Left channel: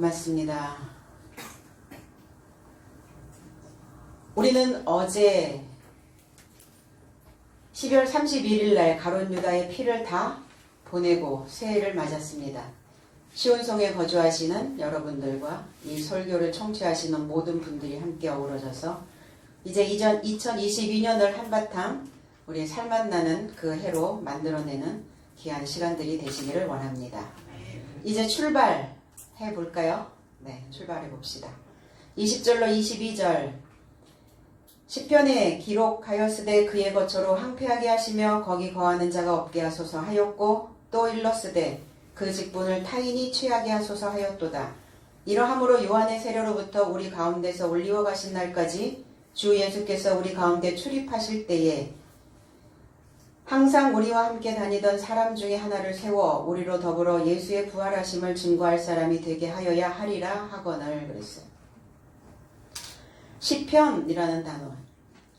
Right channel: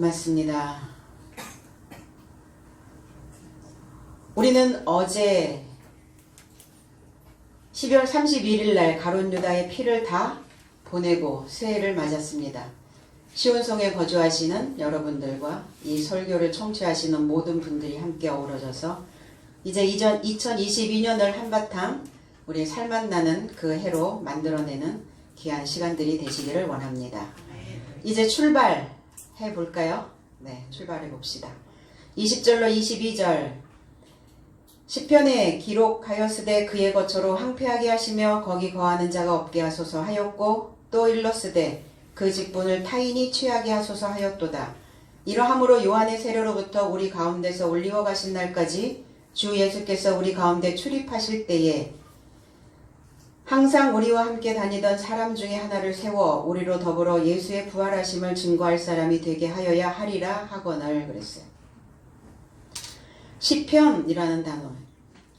고맙습니다. 우리는 어제 12월 31일 날 가룟 유다의 피를 다 보내고 새해를 맞았습니다. 시온성에 거주하시는 여러분들과 이 설교를 청취하시는 모든 분들이 함께 어우러져서 이제 2022년을 한바탕 우리 살맛나는 그 해로 만들어내는 귀한 시간들이 되시기를 원합니다. 이제 출발해 볼까요? 네, 출발해 봅시다. 20절로 22절 시편에 기록하였으되 그의 거처로 황폐하게 하시며 거기 거하는 자가 없게 하소서 하였고 또 일렀으되 그 직분을 타인이 취하게 하소서 하였도다. 이러함으로 요한의 세례로부터 우리 가운데서 올리워 가신 날까지 주 예수께서 우리 가운데 출입하실 때에 항상 우리와 함께 다니던 사람 중에 하나를 세워 우리로 더불어 예수의 부활하심을 증거할 사람이 되게 하여야 하리라 하거늘 그랬어요. 시편이라는 단어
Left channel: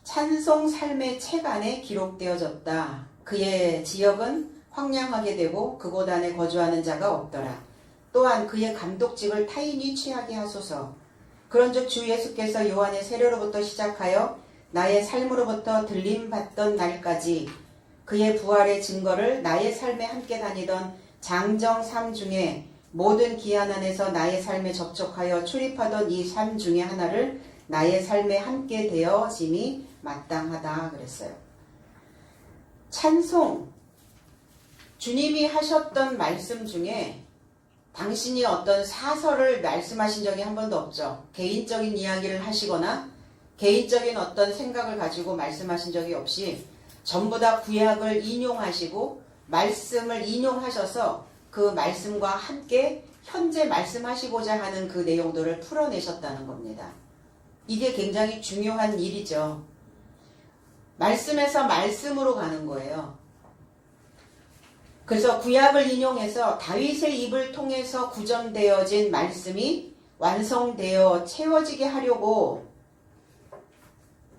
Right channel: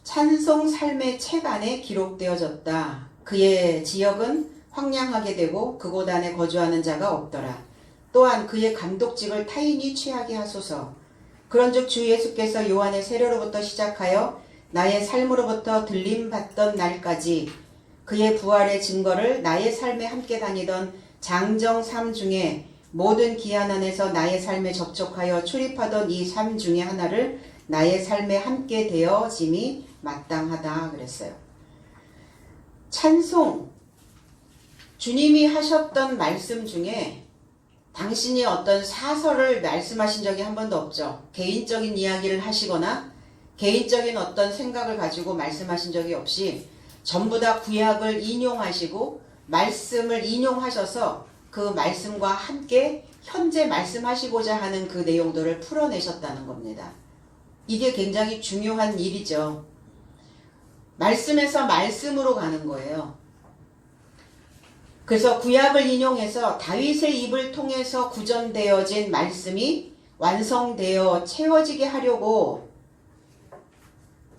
찬송 삶의 책 안에 기록되어졌다. 그의 지역은 황량하게 되고 그곳 안에 거주하는 자가 없더라. 또한 그의 감독직을 타인이 취하게 하소서. 그런즉 주 예수께서 요한의 세례로부터 시작하여 나의 삶으로부터 들림받던 날까지 그의 부활의 증거를 나의 삶에 함께 다니던 장정 삶 중에 모든 기한 안에서 나의 삶에 접촉하여 출입하던 이 삶 중에 하나를 나의 삶에 함께 되어짐이 마땅하다 그랬어요. 찬송 주님이 하셨던 말씀 중에 당신이 어떤 사설을 말씀하신 적이 한 번도 없죠. 개인적인 이야기를 하시거나 개인적인 어떤 생각을 가지고 말씀하신 적이 없이 전부 다 구약을 인용하시고 말씀을 인용하셔서 그 말씀과 함께 현재 말씀하시고자 하는 그 내용들을 풀어내셨다는 겁니다. 이게 굉장히 중요한 일이죠. 말씀에서 말씀으로 가는 거예요. 그래서 구약을 인용해서 다윗의 입을 통해서 구전되어진 말씀이 완성되어 채워지게 하려고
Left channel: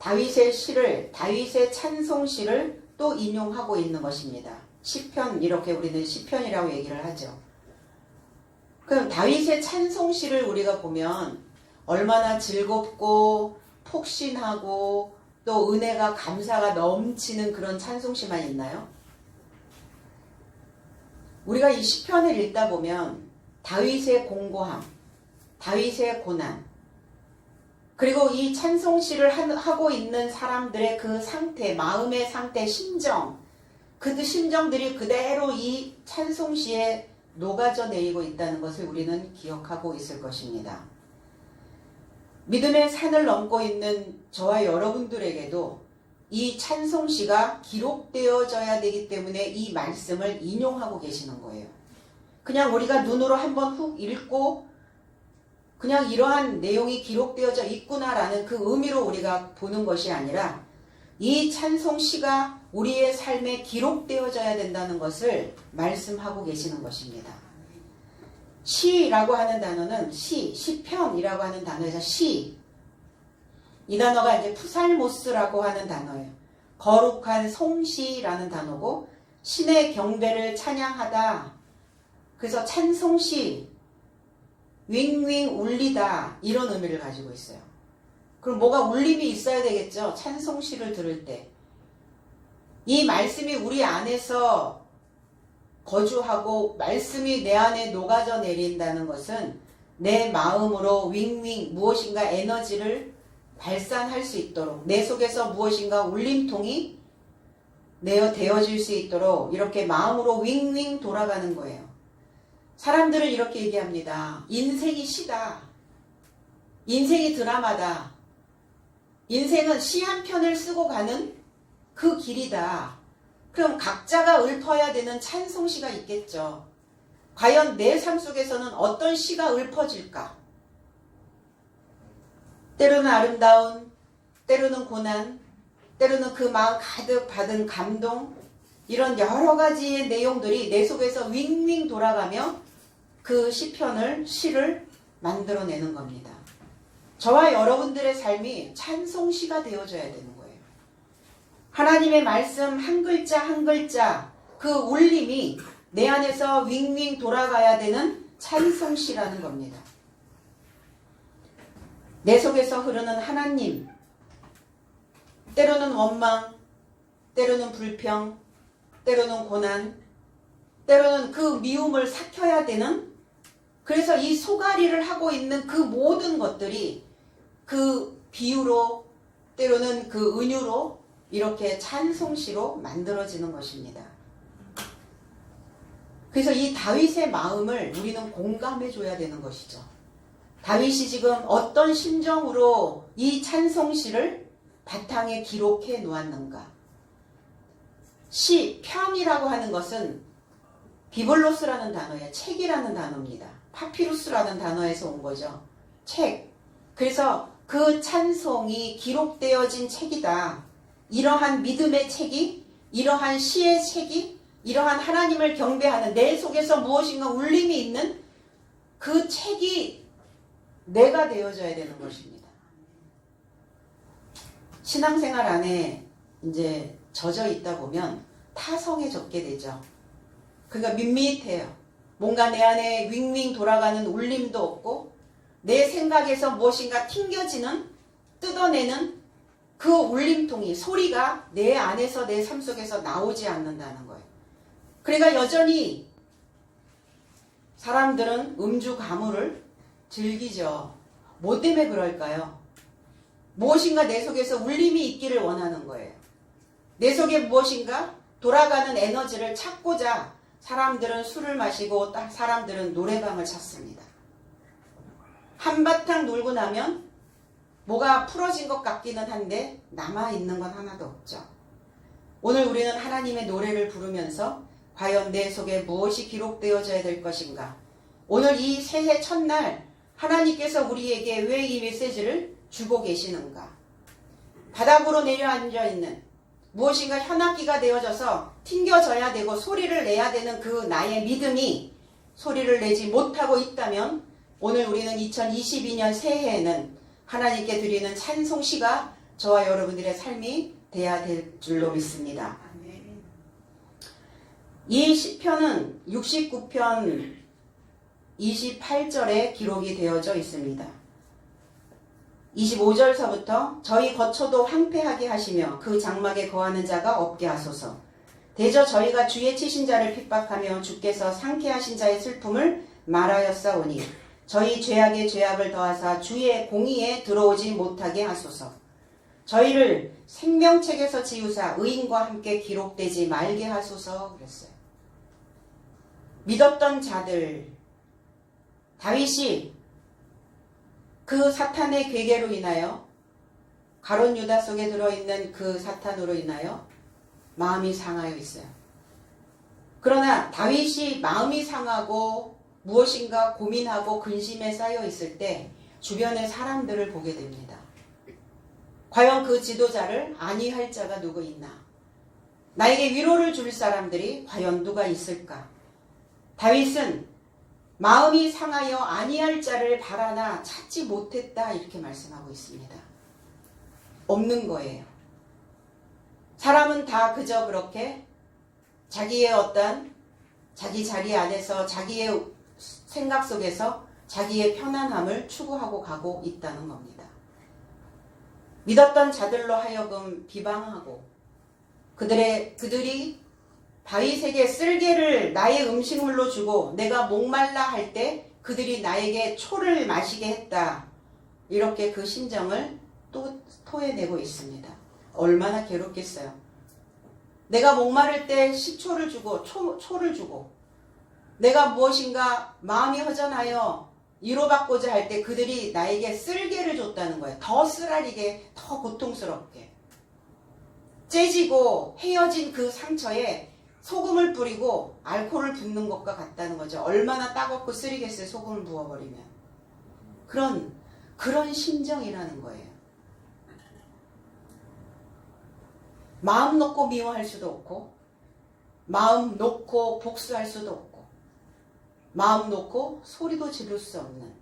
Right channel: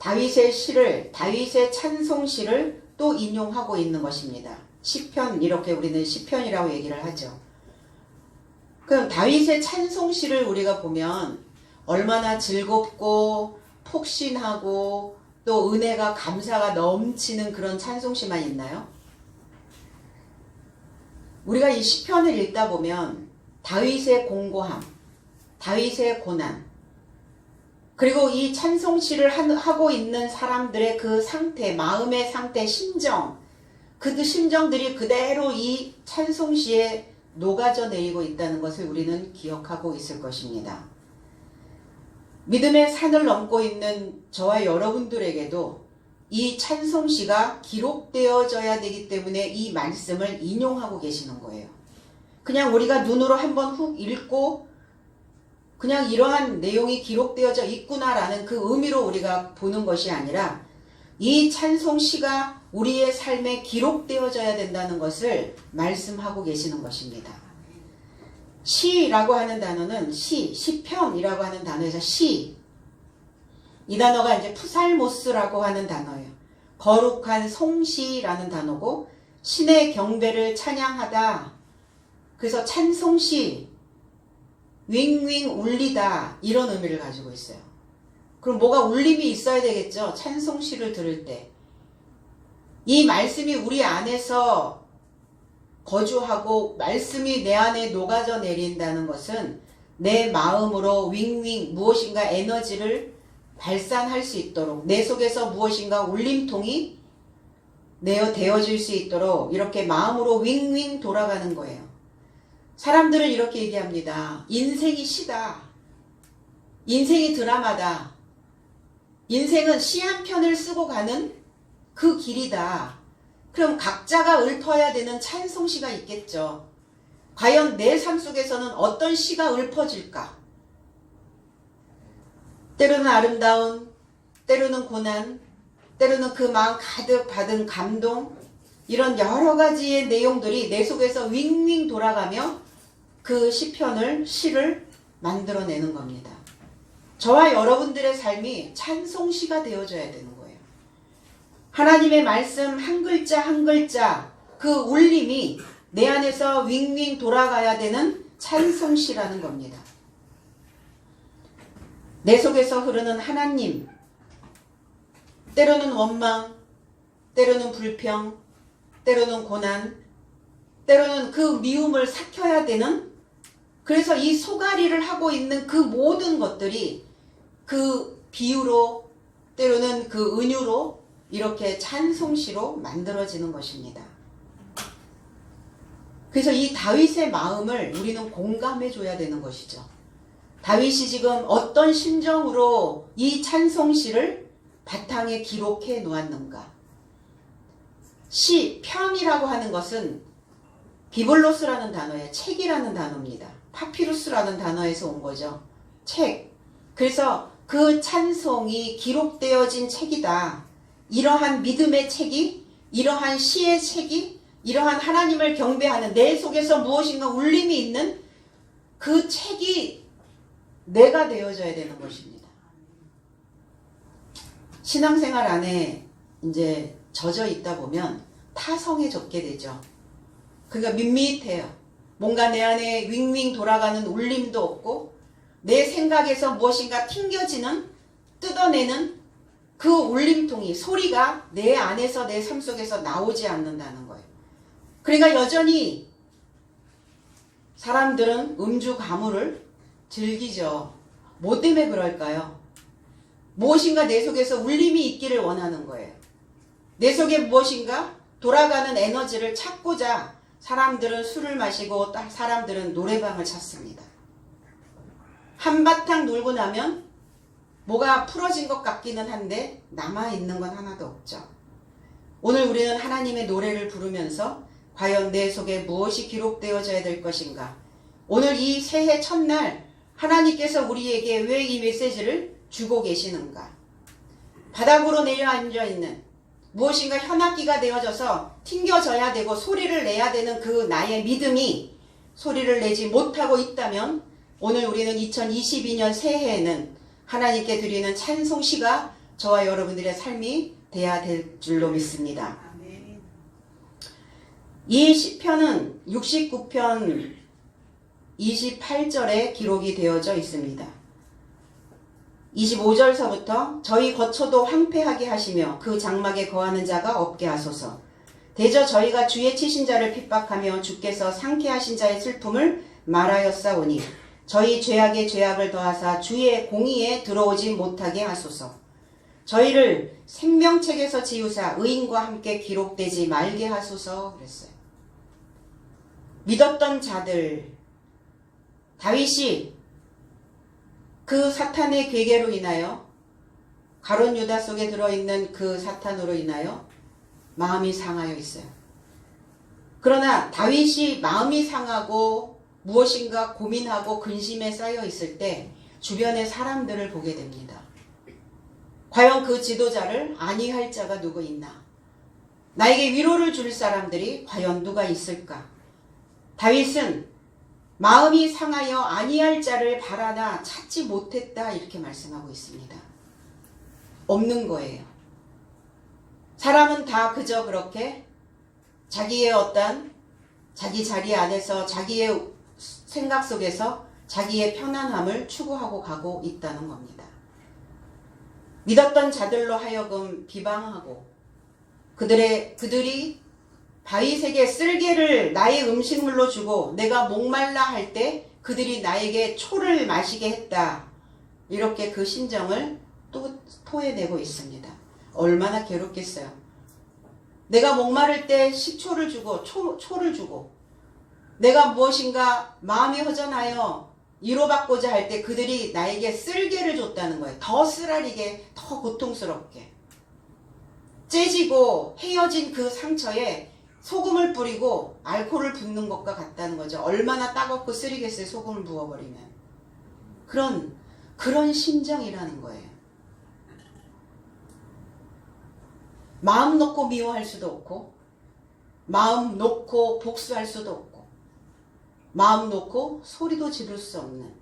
다윗의 시를, 다윗의 찬송시를 또 인용하고 있는 것입니다. 시편, 이렇게 우리는 시편이라고 얘기를 하죠. 그럼 다윗의 찬송시를 우리가 보면 얼마나 즐겁고 폭신하고 또 은혜가 감사가 넘치는 그런 찬송시만 있나요? 우리가 이 시편을 읽다 보면 다윗의 공고함, 다윗의 고난, 그리고 이 찬송시를 하고 있는 사람들의 그 상태, 마음의 상태, 심정, 그 심정들이 그대로 이 찬송시에 녹아져 내리고 있다는 것을 우리는 기억하고 있을 것입니다. 믿음의 산을 넘고 있는 저와 여러분들에게도 이 찬송시가 기록되어져야 되기 때문에 이 말씀을 인용하고 계시는 거예요. 그냥 우리가 눈으로 한번 훅 읽고 그냥 이러한 내용이 기록되어져 있구나라는 그 의미로 우리가 보는 것이 아니라 이 찬송시가 우리의 삶에 기록되어져야 된다는 것을 말씀하고 계시는 것입니다. 시라고 하는 단어는 시편이라고 하는 단어에서 시, 이 단어가 이제 푸살모스라고 하는 단어예요. 거룩한 송시라는 단어고 신의 경배를 찬양하다. 그래서 찬송시, 윙윙 울리다 이런 의미를 가지고 있어요. 그럼 뭐가 울림이 있어야 되겠죠. 찬송시를 들을 때. 이 말씀이 우리 안에서 거주하고 말씀이 내 안에 녹아져 내린다는 것은 내 마음으로 윙윙 무엇인가 에너지를 발산할 수 있도록 내 속에서 무엇인가 울림통이 되어질 수 있도록 이렇게 마음으로 윙윙 돌아가는 거예요. 사람들은 이렇게 얘기합니다. 인생이 시다. 인생이 드라마다. 인생은 시 한 편을 쓰고 가는 그 길이다. 그럼 각자가 읊어야 되는 찬송시가 있겠죠. 과연 내 삶 속에서는 어떤 시가 읊어질까? 때로는 아름다운, 때로는 고난, 때로는 그 마음 가득 받은 감동, 이런 여러 가지의 내용들이 내 속에서 윙윙 돌아가며 그 시편을, 시를 만들어내는 겁니다. 저와 여러분들의 삶이 찬송시가 되어줘야 되는 거예요. 하나님의 말씀 한 글자 한 글자 그 울림이 내 안에서 윙윙 돌아가야 되는 찬송시라는 겁니다. 내 속에서 흐르는 하나님, 때로는 원망, 때로는 불평, 때로는 고난, 때로는 그 미움을 삭혀야 되는, 그래서 이 소가리를 하고 있는 그 모든 것들이 그 비유로, 때로는 그 은유로 이렇게 찬송시로 만들어지는 것입니다. 그래서 이 다윗의 마음을 우리는 공감해 줘야 되는 것이죠. 다윗이 지금 어떤 심정으로 이 찬송시를 바탕에 기록해 놓았는가. 시, 편이라고 하는 것은 비블로스라는 단어의 책이라는 단어입니다. 파피루스라는 단어에서 온 거죠. 책. 그래서 그 찬송이 기록되어진 책이다. 이러한 믿음의 책이, 이러한 시의 책이, 이러한 하나님을 경배하는 내 속에서 무엇인가 울림이 있는 그 책이 내가 되어져야 되는 것입니다. 신앙생활 안에 이제 젖어 있다 보면 타성에 젖게 되죠. 그러니까 밋밋해요. 뭔가 내 안에 윙윙 돌아가는 울림도 없고 내 생각에서 무엇인가 튕겨지는, 뜯어내는 그 울림통이, 소리가 내 안에서, 내 삶 속에서 나오지 않는다는 거예요. 그러니까 여전히 사람들은 음주 가무를 즐기죠. 뭐 때문에 그럴까요? 무엇인가 내 속에서 울림이 있기를 원하는 거예요. 내 속에 무엇인가 돌아가는 에너지를 찾고자 사람들은 술을 마시고 사람들은 노래방을 찾습니다. 한바탕 놀고 나면 뭐가 풀어진 것 같기는 한데 남아있는 건 하나도 없죠. 오늘 우리는 하나님의 노래를 부르면서 과연 내 속에 무엇이 기록되어져야 될 것인가? 오늘 이 새해 첫날 하나님께서 우리에게 왜 이 메시지를 주고 계시는가? 바닥으로 내려앉아 있는 무엇인가 현악기가 되어져서 튕겨져야 되고 소리를 내야 되는 그 나의 믿음이 소리를 내지 못하고 있다면 오늘 우리는 2022년 새해에는 하나님께 드리는 찬송시가 저와 여러분들의 삶이 돼야 될 줄로 믿습니다. 이 시편은 69편 28절에 기록이 되어져 있습니다. 25절서부터 저희 거처도 황폐하게 하시며 그 장막에 거하는 자가 없게 하소서. 대저 저희가 주의 치신 자를 핍박하며 주께서 상쾌하신 자의 슬픔을 말하였사오니 저희 죄악에 죄악을 더하사 주의 공의에 들어오지 못하게 하소서. 저희를 생명책에서 지우사 의인과 함께 기록되지 말게 하소서 그랬어요. 믿었던 자들, 다윗이 그 사탄의 괴계로 인하여 가룟 유다 속에 들어있는 그 사탄으로 인하여 마음이 상하여 있어요. 그러나 다윗이 마음이 상하고 무엇인가 고민하고 근심에 쌓여 있을 때 주변의 사람들을 보게 됩니다. 과연 그 지도자를 안위할 자가 누구 있나? 나에게 위로를 줄 사람들이 과연 누가 있을까? 다윗은 마음이 상하여 안위할 자를 바라나 찾지 못했다 이렇게 말씀하고 있습니다. 없는 거예요. 사람은 다 그저 그렇게 자기의 어떤 자기 자리 안에서 자기의 생각 속에서 자기의 편안함을 추구하고 가고 있다는 겁니다. 믿었던 자들로 하여금 비방하고 그들이 다윗에게 쓸개를 나의 음식물로 주고 내가 목말라 할 때 그들이 나에게 초를 마시게 했다. 이렇게 그 심정을 또 토해내고 있습니다. 얼마나 괴롭겠어요. 내가 목마를 때 식초를 주고 초를 주고 내가 무엇인가 마음이 허전하여 위로받고자 할 때 그들이 나에게 쓸개를 줬다는 거예요. 더 쓰라리게, 더 고통스럽게. 째지고 헤어진 그 상처에 소금을 뿌리고 알코올을 붓는 것과 같다는 거죠. 얼마나 따갑고 쓰리겠어요. 소금을 부어버리면. 그런 심정이라는 거예요. 마음 놓고 미워할 수도 없고 마음 놓고 복수할 수도 없고 마음 놓고 소리도 지를 수 없는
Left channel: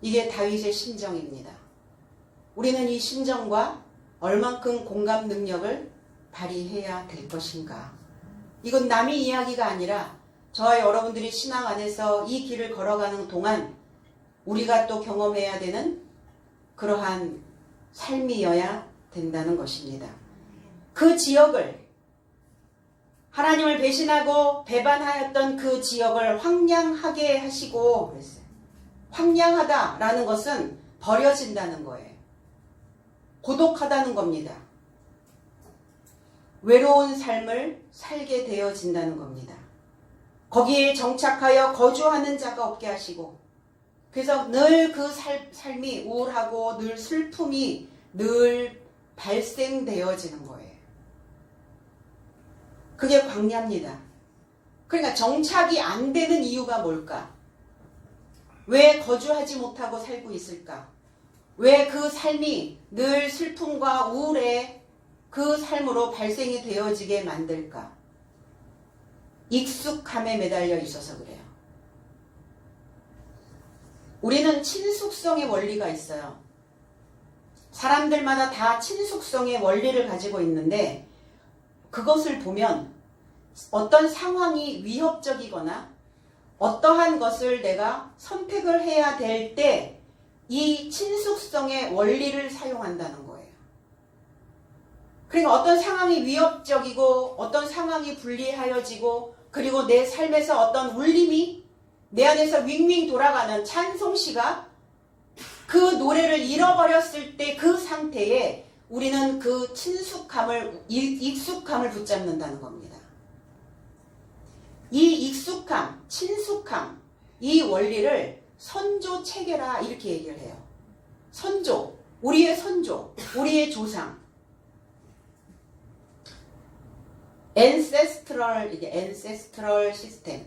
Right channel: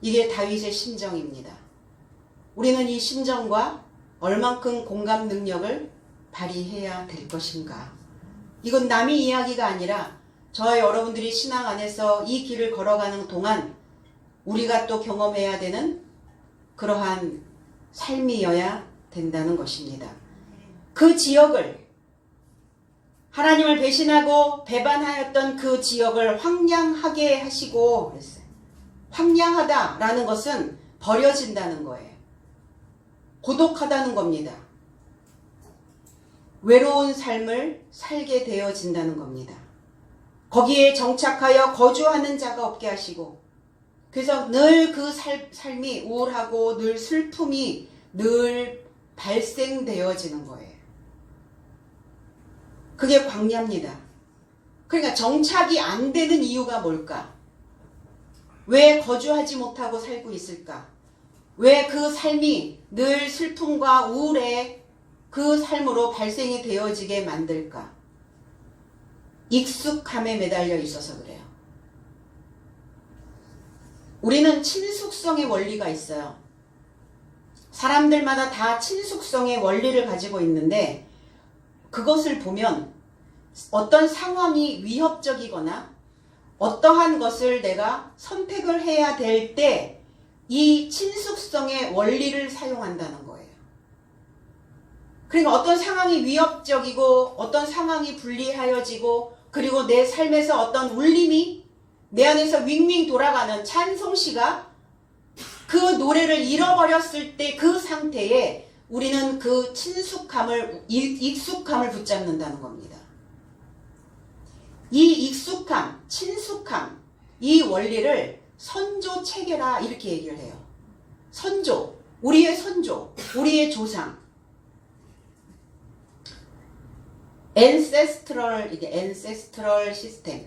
이게 다윗의 심정입니다. 우리는 이 심정과 얼만큼 공감 능력을 발휘해야 될 것인가? 이건 남의 이야기가 아니라 저와 여러분들이 신앙 안에서 이 길을 걸어가는 동안 우리가 또 경험해야 되는 그러한 삶이어야 된다는 것입니다. 그 지역을 하나님을 배신하고 배반하였던 그 지역을 황량하게 하시고 그랬어요. 황량하다라는 것은 버려진다는 거예요. 고독하다는 겁니다. 외로운 삶을 살게 되어진다는 겁니다. 거기에 정착하여 거주하는 자가 없게 하시고, 그래서 늘 그 삶이 우울하고 늘 슬픔이 늘 발생되어지는 거예요. 그게 광야입니다. 그러니까 정착이 안 되는 이유가 뭘까? 왜 거주하지 못하고 살고 있을까? 왜 그 삶이 늘 슬픔과 우울의 그 삶으로 발생이 되어지게 만들까? 익숙함에 매달려 있어서 그래요. 우리는 친숙성의 원리가 있어요. 사람들마다 다 친숙성의 원리를 가지고 있는데, 그것을 보면 어떤 상황이 위협적이거나 어떠한 것을 내가 선택을 해야 될 때 이 친숙성의 원리를 사용한다는 거예요. 그러니까 어떤 상황이 위협적이고 어떤 상황이 불리하여지고 그리고 내 삶에서 어떤 울림이 내 안에서 윙윙 돌아가는 찬송시가 그 노래를 잃어버렸을 때 그 상태에 우리는 그 익숙함을 붙잡는다는 겁니다. 이 익숙함, 친숙함, 이 원리를 선조 체계라 이렇게 얘기를 해요. 선조, 우리의 선조, 우리의 조상. ancestral 시스템.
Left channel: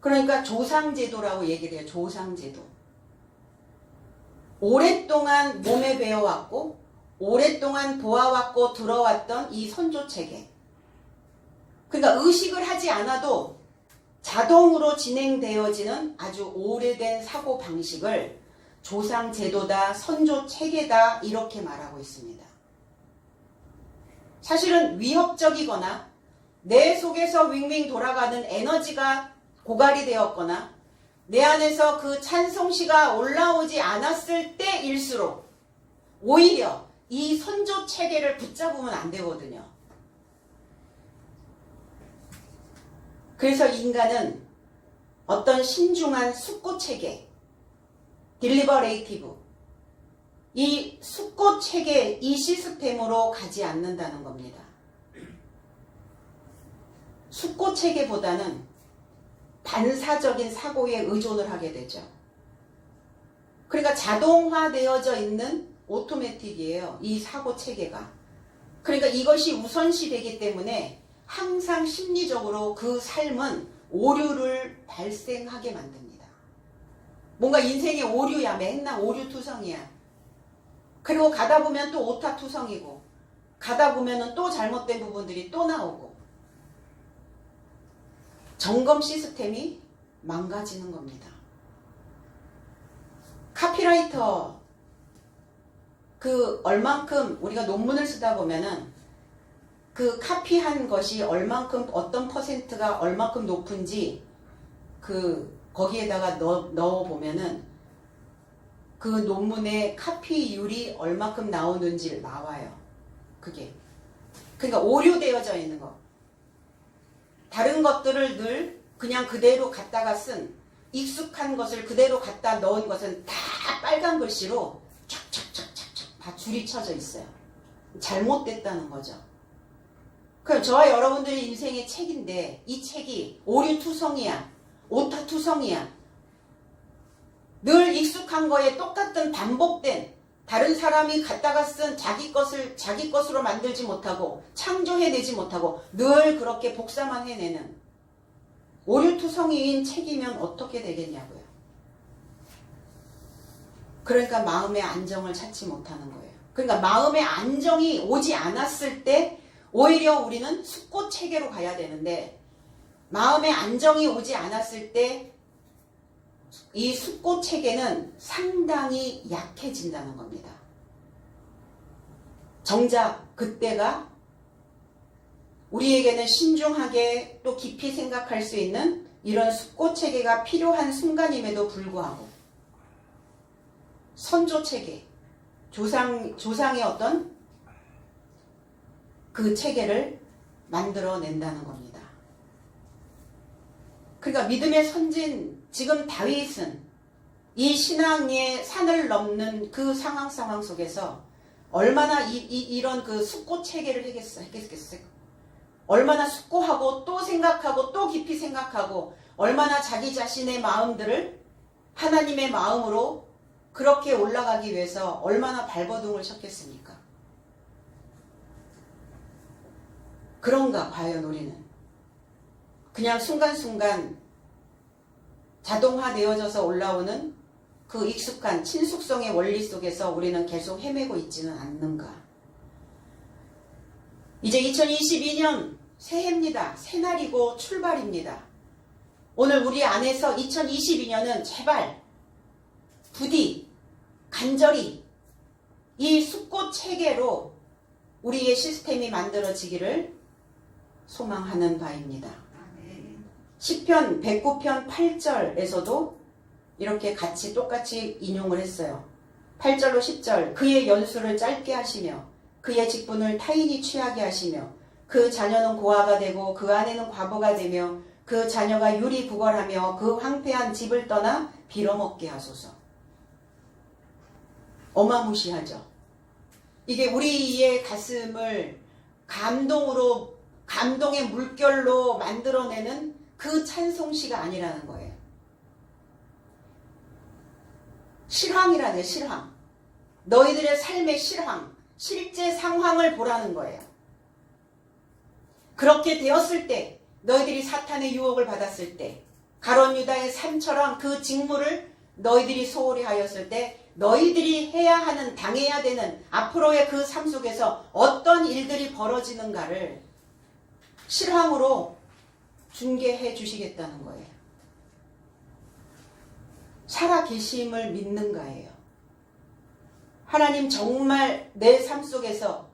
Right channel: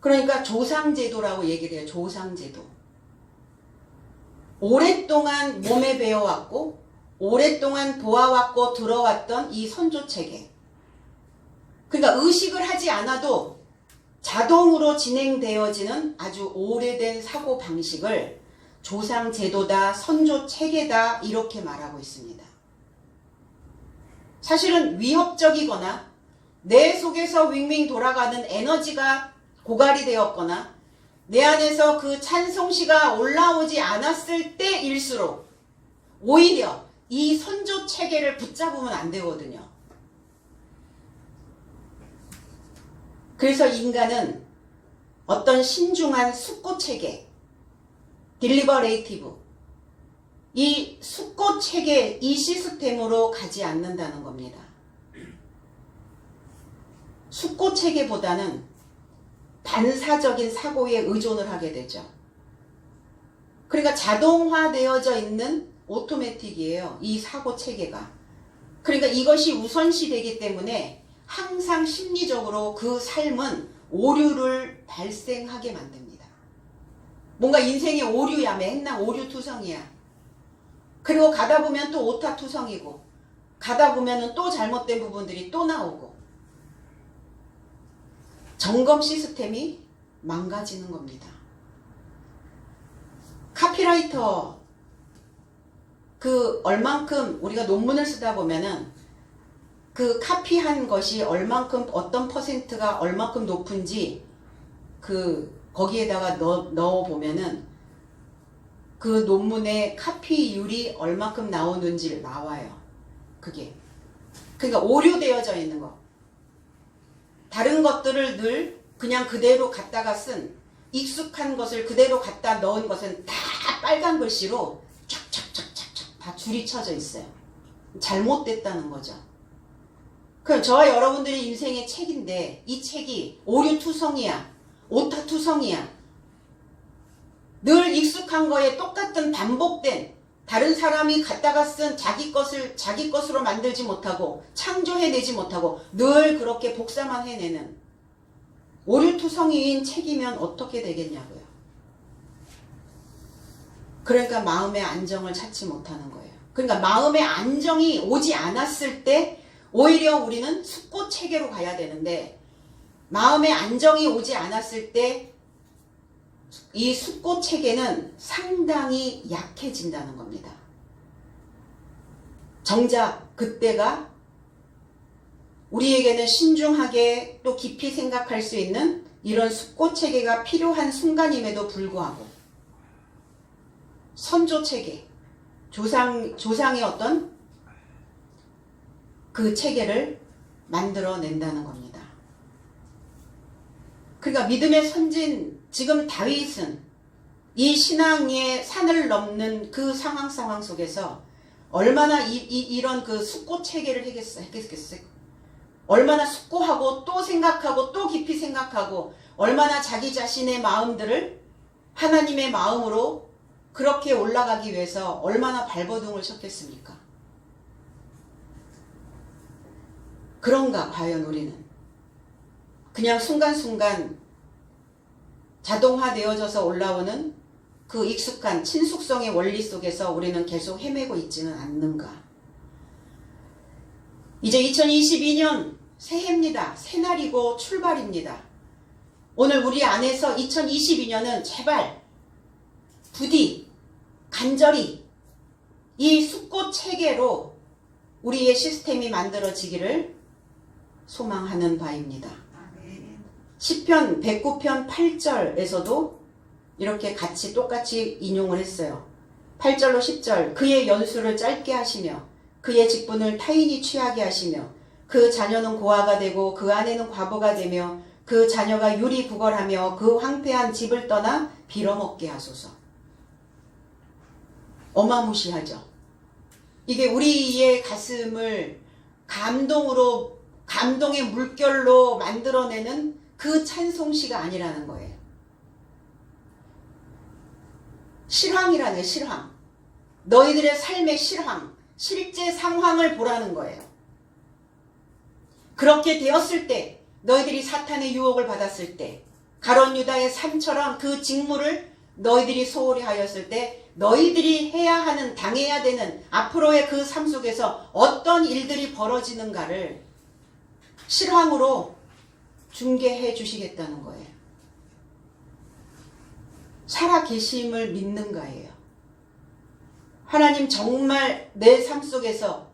그러니까 조상제도라고 얘기를 해요. 조상제도. 오랫동안 몸에 배어왔고 오랫동안 보아왔고 들어왔던 이 선조체계. 그러니까 의식을 하지 않아도 자동으로 진행되어지는 아주 오래된 사고방식을 조상제도다, 선조체계다 이렇게 말하고 있습니다. 사실은 위협적이거나 내 속에서 윙윙 돌아가는 에너지가 고갈이 되었거나 내 안에서 그 찬송시가 올라오지 않았을 때일수록 오히려 이 선조 체계를 붙잡으면 안 되거든요. 그래서 인간은 어떤 신중한 숙고 체계, 딜리버레이티브, 이 숙고 체계, 이 시스템으로 가지 않는다는 겁니다. 숙고 체계보다는 반사적인 사고에 의존을 하게 되죠. 그러니까 자동화되어져 있는 오토매틱이에요. 이 사고 체계가. 그러니까 이것이 우선시 되기 때문에 항상 심리적으로 그 삶은 오류를 발생하게 만듭니다. 뭔가 인생의 오류야. 맨날 오류투성이야. 그리고 가다 보면 또 오타투성이고 가다 보면 또 잘못된 부분들이 또 나오고 점검 시스템이 망가지는 겁니다. 카피라이터 그 얼만큼 우리가 논문을 쓰다 보면은 그 카피한 것이 얼만큼 어떤 퍼센트가 얼만큼 높은지 그 거기에다가 넣어 보면은 그 논문의 카피율이 얼만큼 나오는지 나와요. 그게 그러니까 오류되어져 있는 거. 다른 것들을 늘 그냥 그대로 갖다가 쓴 익숙한 것을 그대로 갖다 넣은 것은 다 빨간 글씨로 쫙쫙쫙쫙쫙 다 줄이 쳐져 있어요. 잘못됐다는 거죠. 그럼 저와 여러분들의 인생의 책인데 이 책이 오류투성이야. 오타투성이야. 늘 익숙한 거에 똑같은 반복된 다른 사람이 갖다가 쓴 자기 것으로 만들지 못하고 창조해내지 못하고 늘 그렇게 복사만 해내는 오류투성이인 책이면 어떻게 되겠냐고요. 그러니까 마음의 안정을 찾지 못하는 거예요. 그러니까 마음의 안정이 오지 않았을 때 오히려 우리는 숙고 체계로 가야 되는데 마음의 안정이 오지 않았을 때 이 숙고 체계는 상당히 약해진다는 겁니다. 정작 그때가 우리에게는 신중하게 또 깊이 생각할 수 있는 이런 숙고 체계가 필요한 순간임에도 불구하고 선조 체계, 조상의 어떤 그 체계를 만들어낸다는 겁니다. 그러니까 믿음의 선진 지금 다윗은 이 신앙의 산을 넘는 그 상황 속에서 얼마나 이런 그 숙고 체계를 했겠어요. 얼마나 숙고하고 또 생각하고 또 깊이 생각하고 얼마나 자기 자신의 마음들을 하나님의 마음으로 그렇게 올라가기 위해서 얼마나 발버둥을 쳤겠습니까? 그런가 과연 우리는 그냥 순간순간 자동화되어져서 올라오는 그 익숙한 친숙성의 원리 속에서 우리는 계속 헤매고 있지는 않는가? 이제 2022년 새해입니다. 새날이고 출발입니다. 오늘 우리 안에서 2022년은 제발 부디 간절히 이 숙고 체계로 우리의 시스템이 만들어지기를 소망하는 바입니다. 시편 109편 8절에서도 이렇게 같이 똑같이 인용을 했어요. 8절로 10절 그의 연수를 짧게 하시며 그의 직분을 타인이 취하게 하시며 그 자녀는 고아가 되고 그 아내는 과부가 되며 그 자녀가 유리구걸하며 그 황폐한 집을 떠나 빌어먹게 하소서. 어마무시하죠. 이게 우리의 가슴을 감동의 물결로 만들어내는 그 찬송시가 아니라는 거예요. 실황이라네, 실황. 너희들의 삶의 실황, 실제 상황을 보라는 거예요. 그렇게 되었을 때, 너희들이 사탄의 유혹을 받았을 때, 가룟 유다의 삶처럼 그 직무를 너희들이 소홀히 하였을 때, 너희들이 해야 하는, 당해야 되는 앞으로의 그 삶 속에서 어떤 일들이 벌어지는가를 실황으로 중계해 주시겠다는 거예요. 살아계심을 믿는가예요. 하나님 정말 내 삶 속에서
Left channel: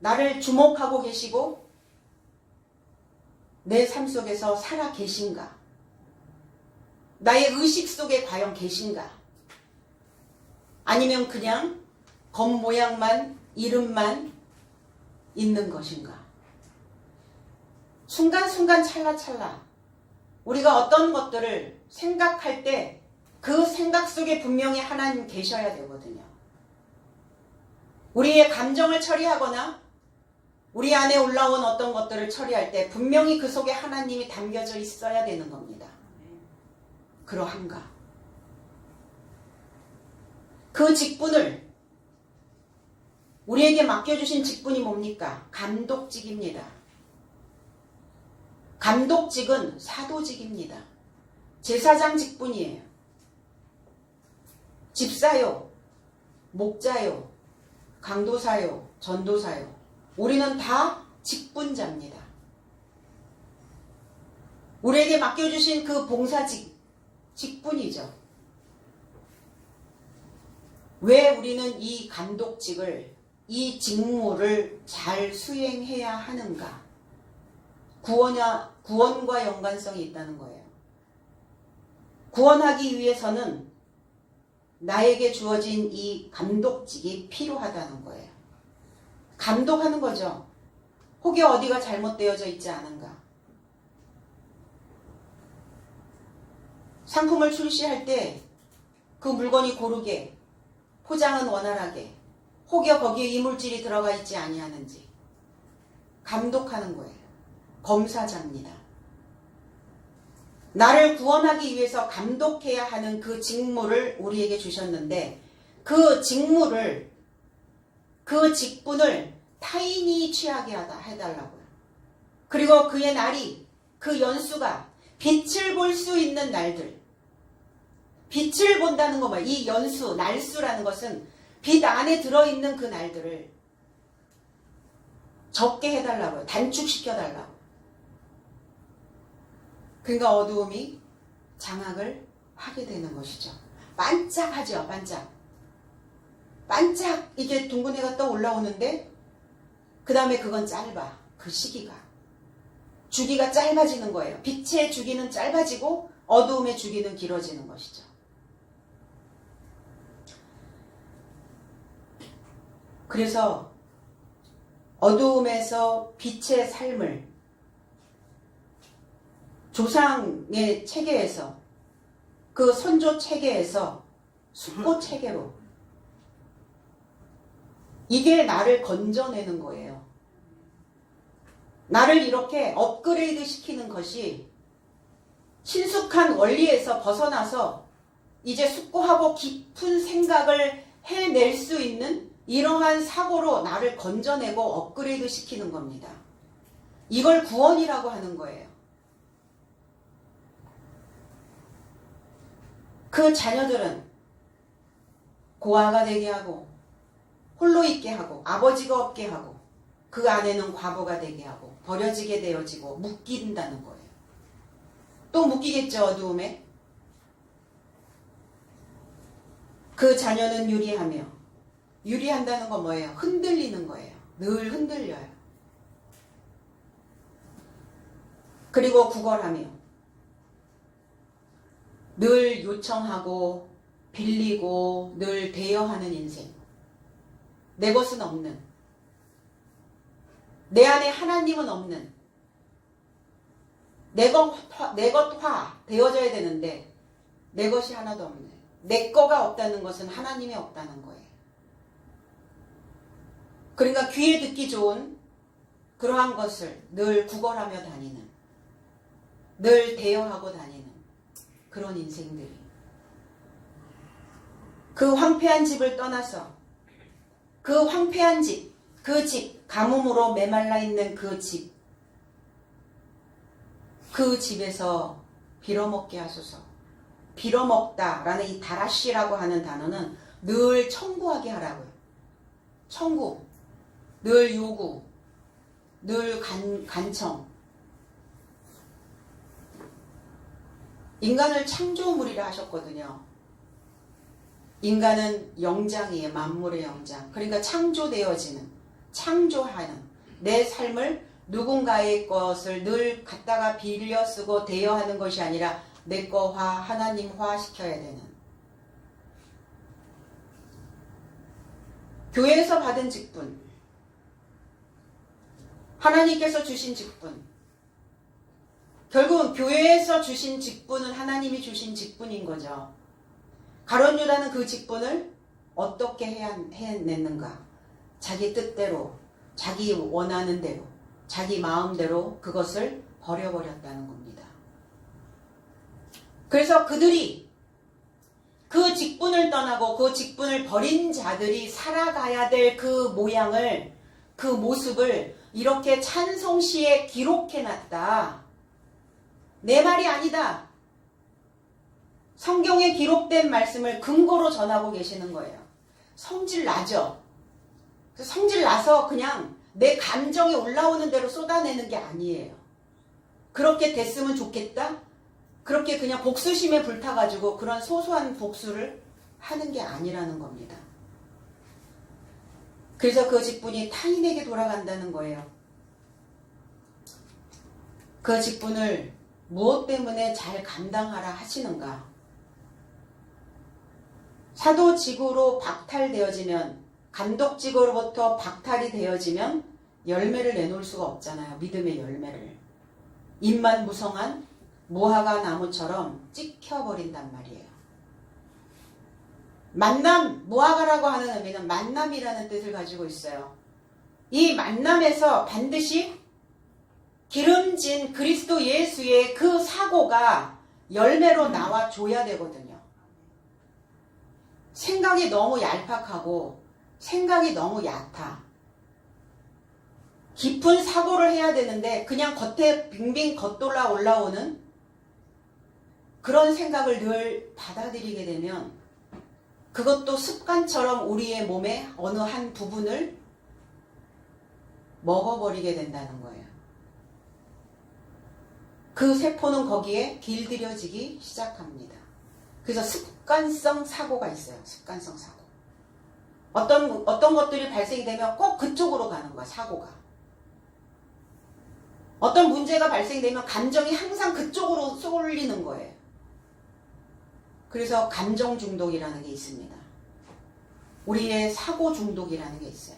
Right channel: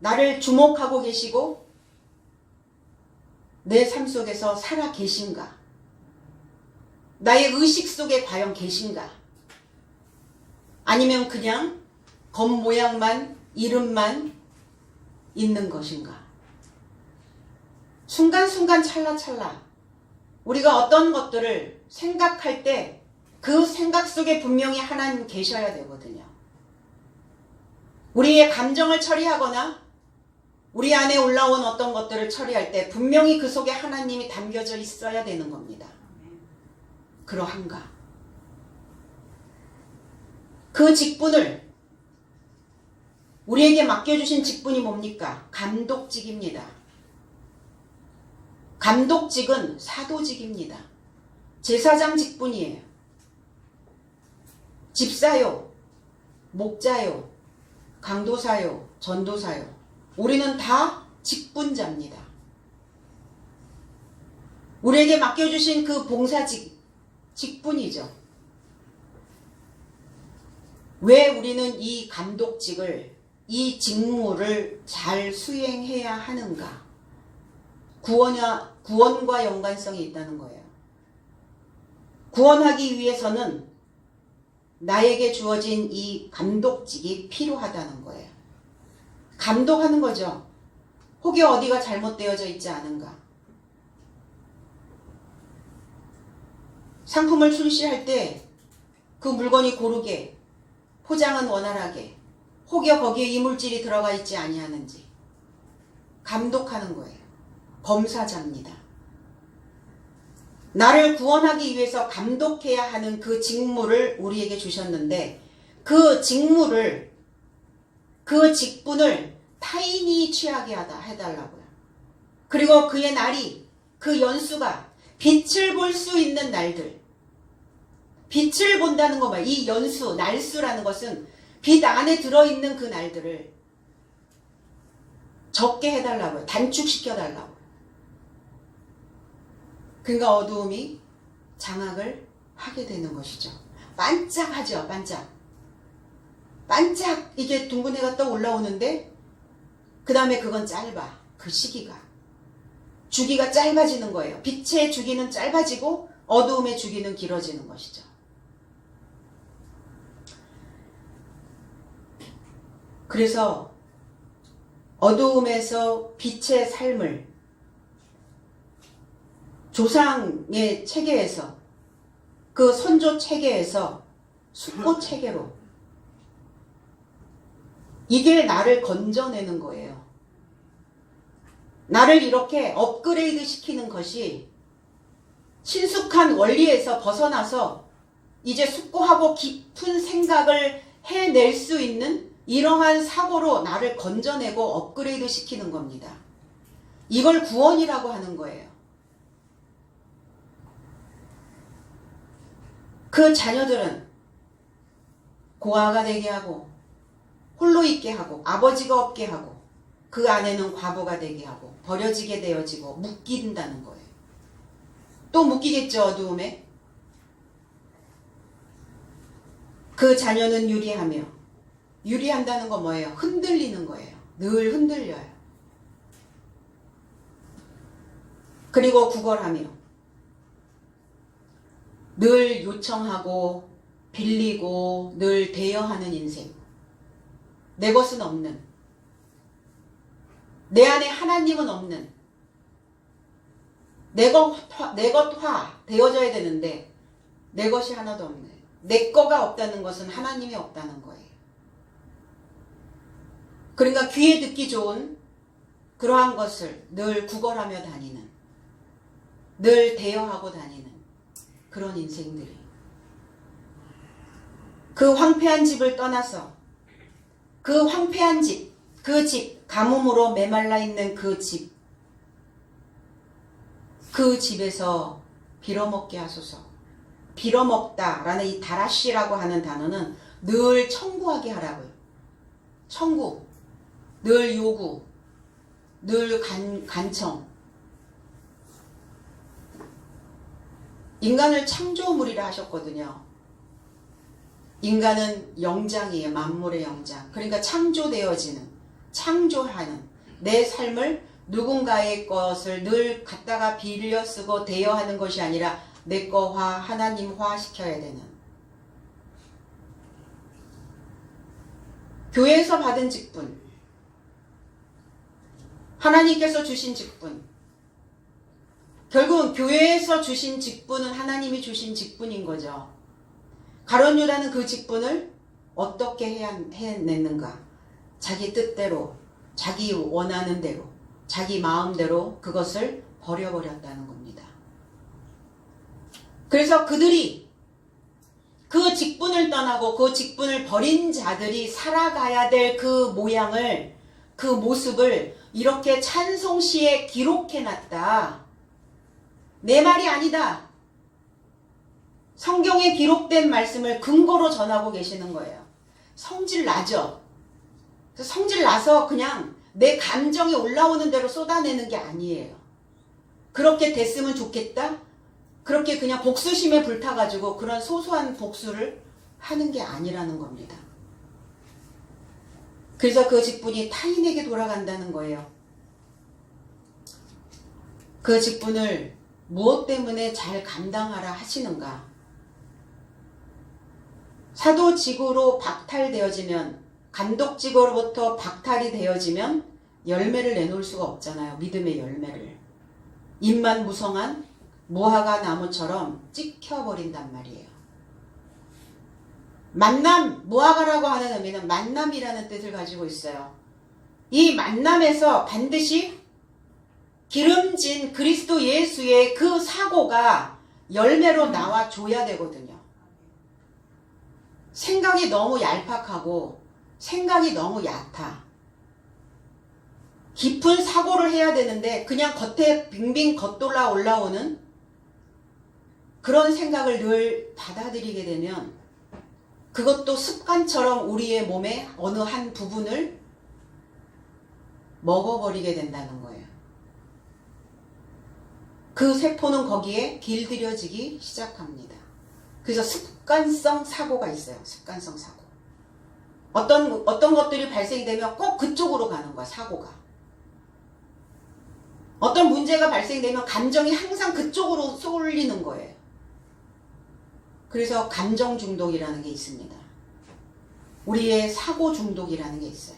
나를 주목하고 계시고 내 삶 속에서 살아계신가? 나의 의식 속에 과연 계신가? 아니면 그냥 겉모양만 이름만 있는 것인가? 순간순간 찰나찰나 우리가 어떤 것들을 생각할 때 그 생각 속에 분명히 하나님 계셔야 되거든요. 우리의 감정을 처리하거나 우리 안에 올라온 어떤 것들을 처리할 때 분명히 그 속에 하나님이 담겨져 있어야 되는 겁니다. 그러한가? 그 직분을 우리에게 맡겨주신 직분이 뭡니까? 감독직입니다. 감독직은 사도직입니다. 제사장 직분이에요. 집사요, 목자요, 강도사요, 전도사요. 우리는 다 직분자입니다. 우리에게 맡겨주신 그 봉사직, 직분이죠. 왜 우리는 이 감독직을, 이 직무를 잘 수행해야 하는가? 구원과 연관성이 있다는 거예요. 구원하기 위해서는 나에게 주어진 이 감독직이 필요하다는 거예요. 감독하는 거죠. 혹여 어디가 잘못되어져 있지 않은가. 상품을 출시할 때 그 물건이 고르게, 포장은 원활하게, 혹여 거기에 이물질이 들어가 있지 아니하는지 감독하는 거예요. 검사자입니다. 나를 구원하기 위해서 감독해야 하는 그 직무를 우리에게 주셨는데 그 직무를, 그 직분을 타인이 취하게 해달라고요. 그리고 그의 날이, 그 연수가 빛을 볼 수 있는 날들, 빛을 본다는 거 말이에요. 이 연수, 날수라는 것은 빛 안에 들어있는 그 날들을 적게 해달라고요. 단축시켜달라고. 그러니까 어두움이 장악을 하게 되는 것이죠. 반짝하죠. 반짝. 반짝 이게 둥근 해가 떠 올라오는데 그 다음에 그건 짧아. 그 시기가. 주기가 짧아지는 거예요. 빛의 주기는 짧아지고 어두움의 주기는 길어지는 것이죠. 그래서 어두움에서 빛의 삶을 조상의 체계에서, 그 선조 체계에서 숙고 체계로, 이게 나를 건져내는 거예요. 나를 이렇게 업그레이드 시키는 것이 친숙한 원리에서 벗어나서 이제 숙고하고 깊은 생각을 해낼 수 있는 이러한 사고로 나를 건져내고 업그레이드 시키는 겁니다. 이걸 구원이라고 하는 거예요. 그 자녀들은 고아가 되게 하고 홀로 있게 하고 아버지가 없게 하고 그 아내는 과부가 되게 하고 버려지게 되어지고 묶인다는 거예요. 또 묶이겠죠, 어두움에. 그 자녀는 유리하며, 유리한다는 건 뭐예요? 흔들리는 거예요. 늘 흔들려요. 그리고 구걸하며 늘 요청하고 빌리고 늘 대여하는 인생. 내 것은 없는, 내 안에 하나님은 없는, 내 것화 되어져야 되는데 내 것이 하나도 없네. 내 거가 없다는 것은 하나님이 없다는 거예요. 그러니까 귀에 듣기 좋은 그러한 것을 늘 구걸하며 다니는, 늘 대여하고 다니는 그런 인생들이, 그 황폐한 집을 떠나서 그 황폐한 집, 그 집, 가뭄으로 메말라 있는 그 집, 그 집에서 빌어먹게 하소서. 빌어먹다라는 이 다라시라고 하는 단어는 늘 청구하게 하라고요. 청구, 늘 요구, 늘 간청. 인간을 창조물이라 하셨거든요. 인간은 영장이에요. 만물의 영장. 그러니까 창조되어지는, 창조하는 내 삶을 누군가의 것을 늘 갖다가 빌려 쓰고 대여하는 것이 아니라 내 거화, 하나님화 시켜야 되는. 교회에서 받은 직분, 하나님께서 주신 직분, 결국은 교회에서 주신 직분은 하나님이 주신 직분인 거죠. 가룟 유다는 그 직분을 어떻게 해냈는가? 자기 뜻대로, 자기 원하는 대로, 자기 마음대로 그것을 버려버렸다는 겁니다. 그래서 그들이 그 직분을 떠나고 그 직분을 버린 자들이 살아가야 될 그 모양을, 그 모습을 이렇게 찬송시에 기록해놨다. 내 말이 아니다. 성경에 기록된 말씀을 근거로 전하고 계시는 거예요. 성질 나죠? 성질 나서 그냥 내 감정이 올라오는 대로 쏟아내는 게 아니에요. 그렇게 됐으면 좋겠다? 그렇게 그냥 복수심에 불타가지고 그런 소소한 복수를 하는 게 아니라는 겁니다. 그래서 그 직분이 타인에게 돌아간다는 거예요. 그 직분을 무엇 때문에 잘 감당하라 하시는가? 사도직으로 박탈되어지면, 감독직으로부터 박탈이 되어지면 열매를 내놓을 수가 없잖아요. 믿음의 열매를. 입만 무성한 무화과 나무처럼 찍혀버린단 말이에요. 만남, 무화과라고 하는 의미는 만남이라는 뜻을 가지고 있어요. 이 만남에서 반드시 기름진 그리스도 예수의 그 사고가 열매로 나와줘야 되거든요. 생각이 너무 얄팍하고 생각이 너무 얕아. 깊은 사고를 해야 되는데 그냥 겉에 빙빙 겉돌아 올라오는 그런 생각을 늘 받아들이게 되면 그것도 습관처럼 우리의 몸의 어느 한 부분을 먹어버리게 된다는 거예요. 그 세포는 거기에 길들여지기 시작합니다. 그래서 습관성 사고가 있어요. 습관성 사고. 어떤 것들이 발생이 되면 꼭 그쪽으로 가는 거야, 사고가. 어떤 문제가 발생되면 감정이 항상 그쪽으로 쏠리는 거예요. 그래서 감정 중독이라는 게 있습니다. 우리의 사고 중독이라는 게 있어요.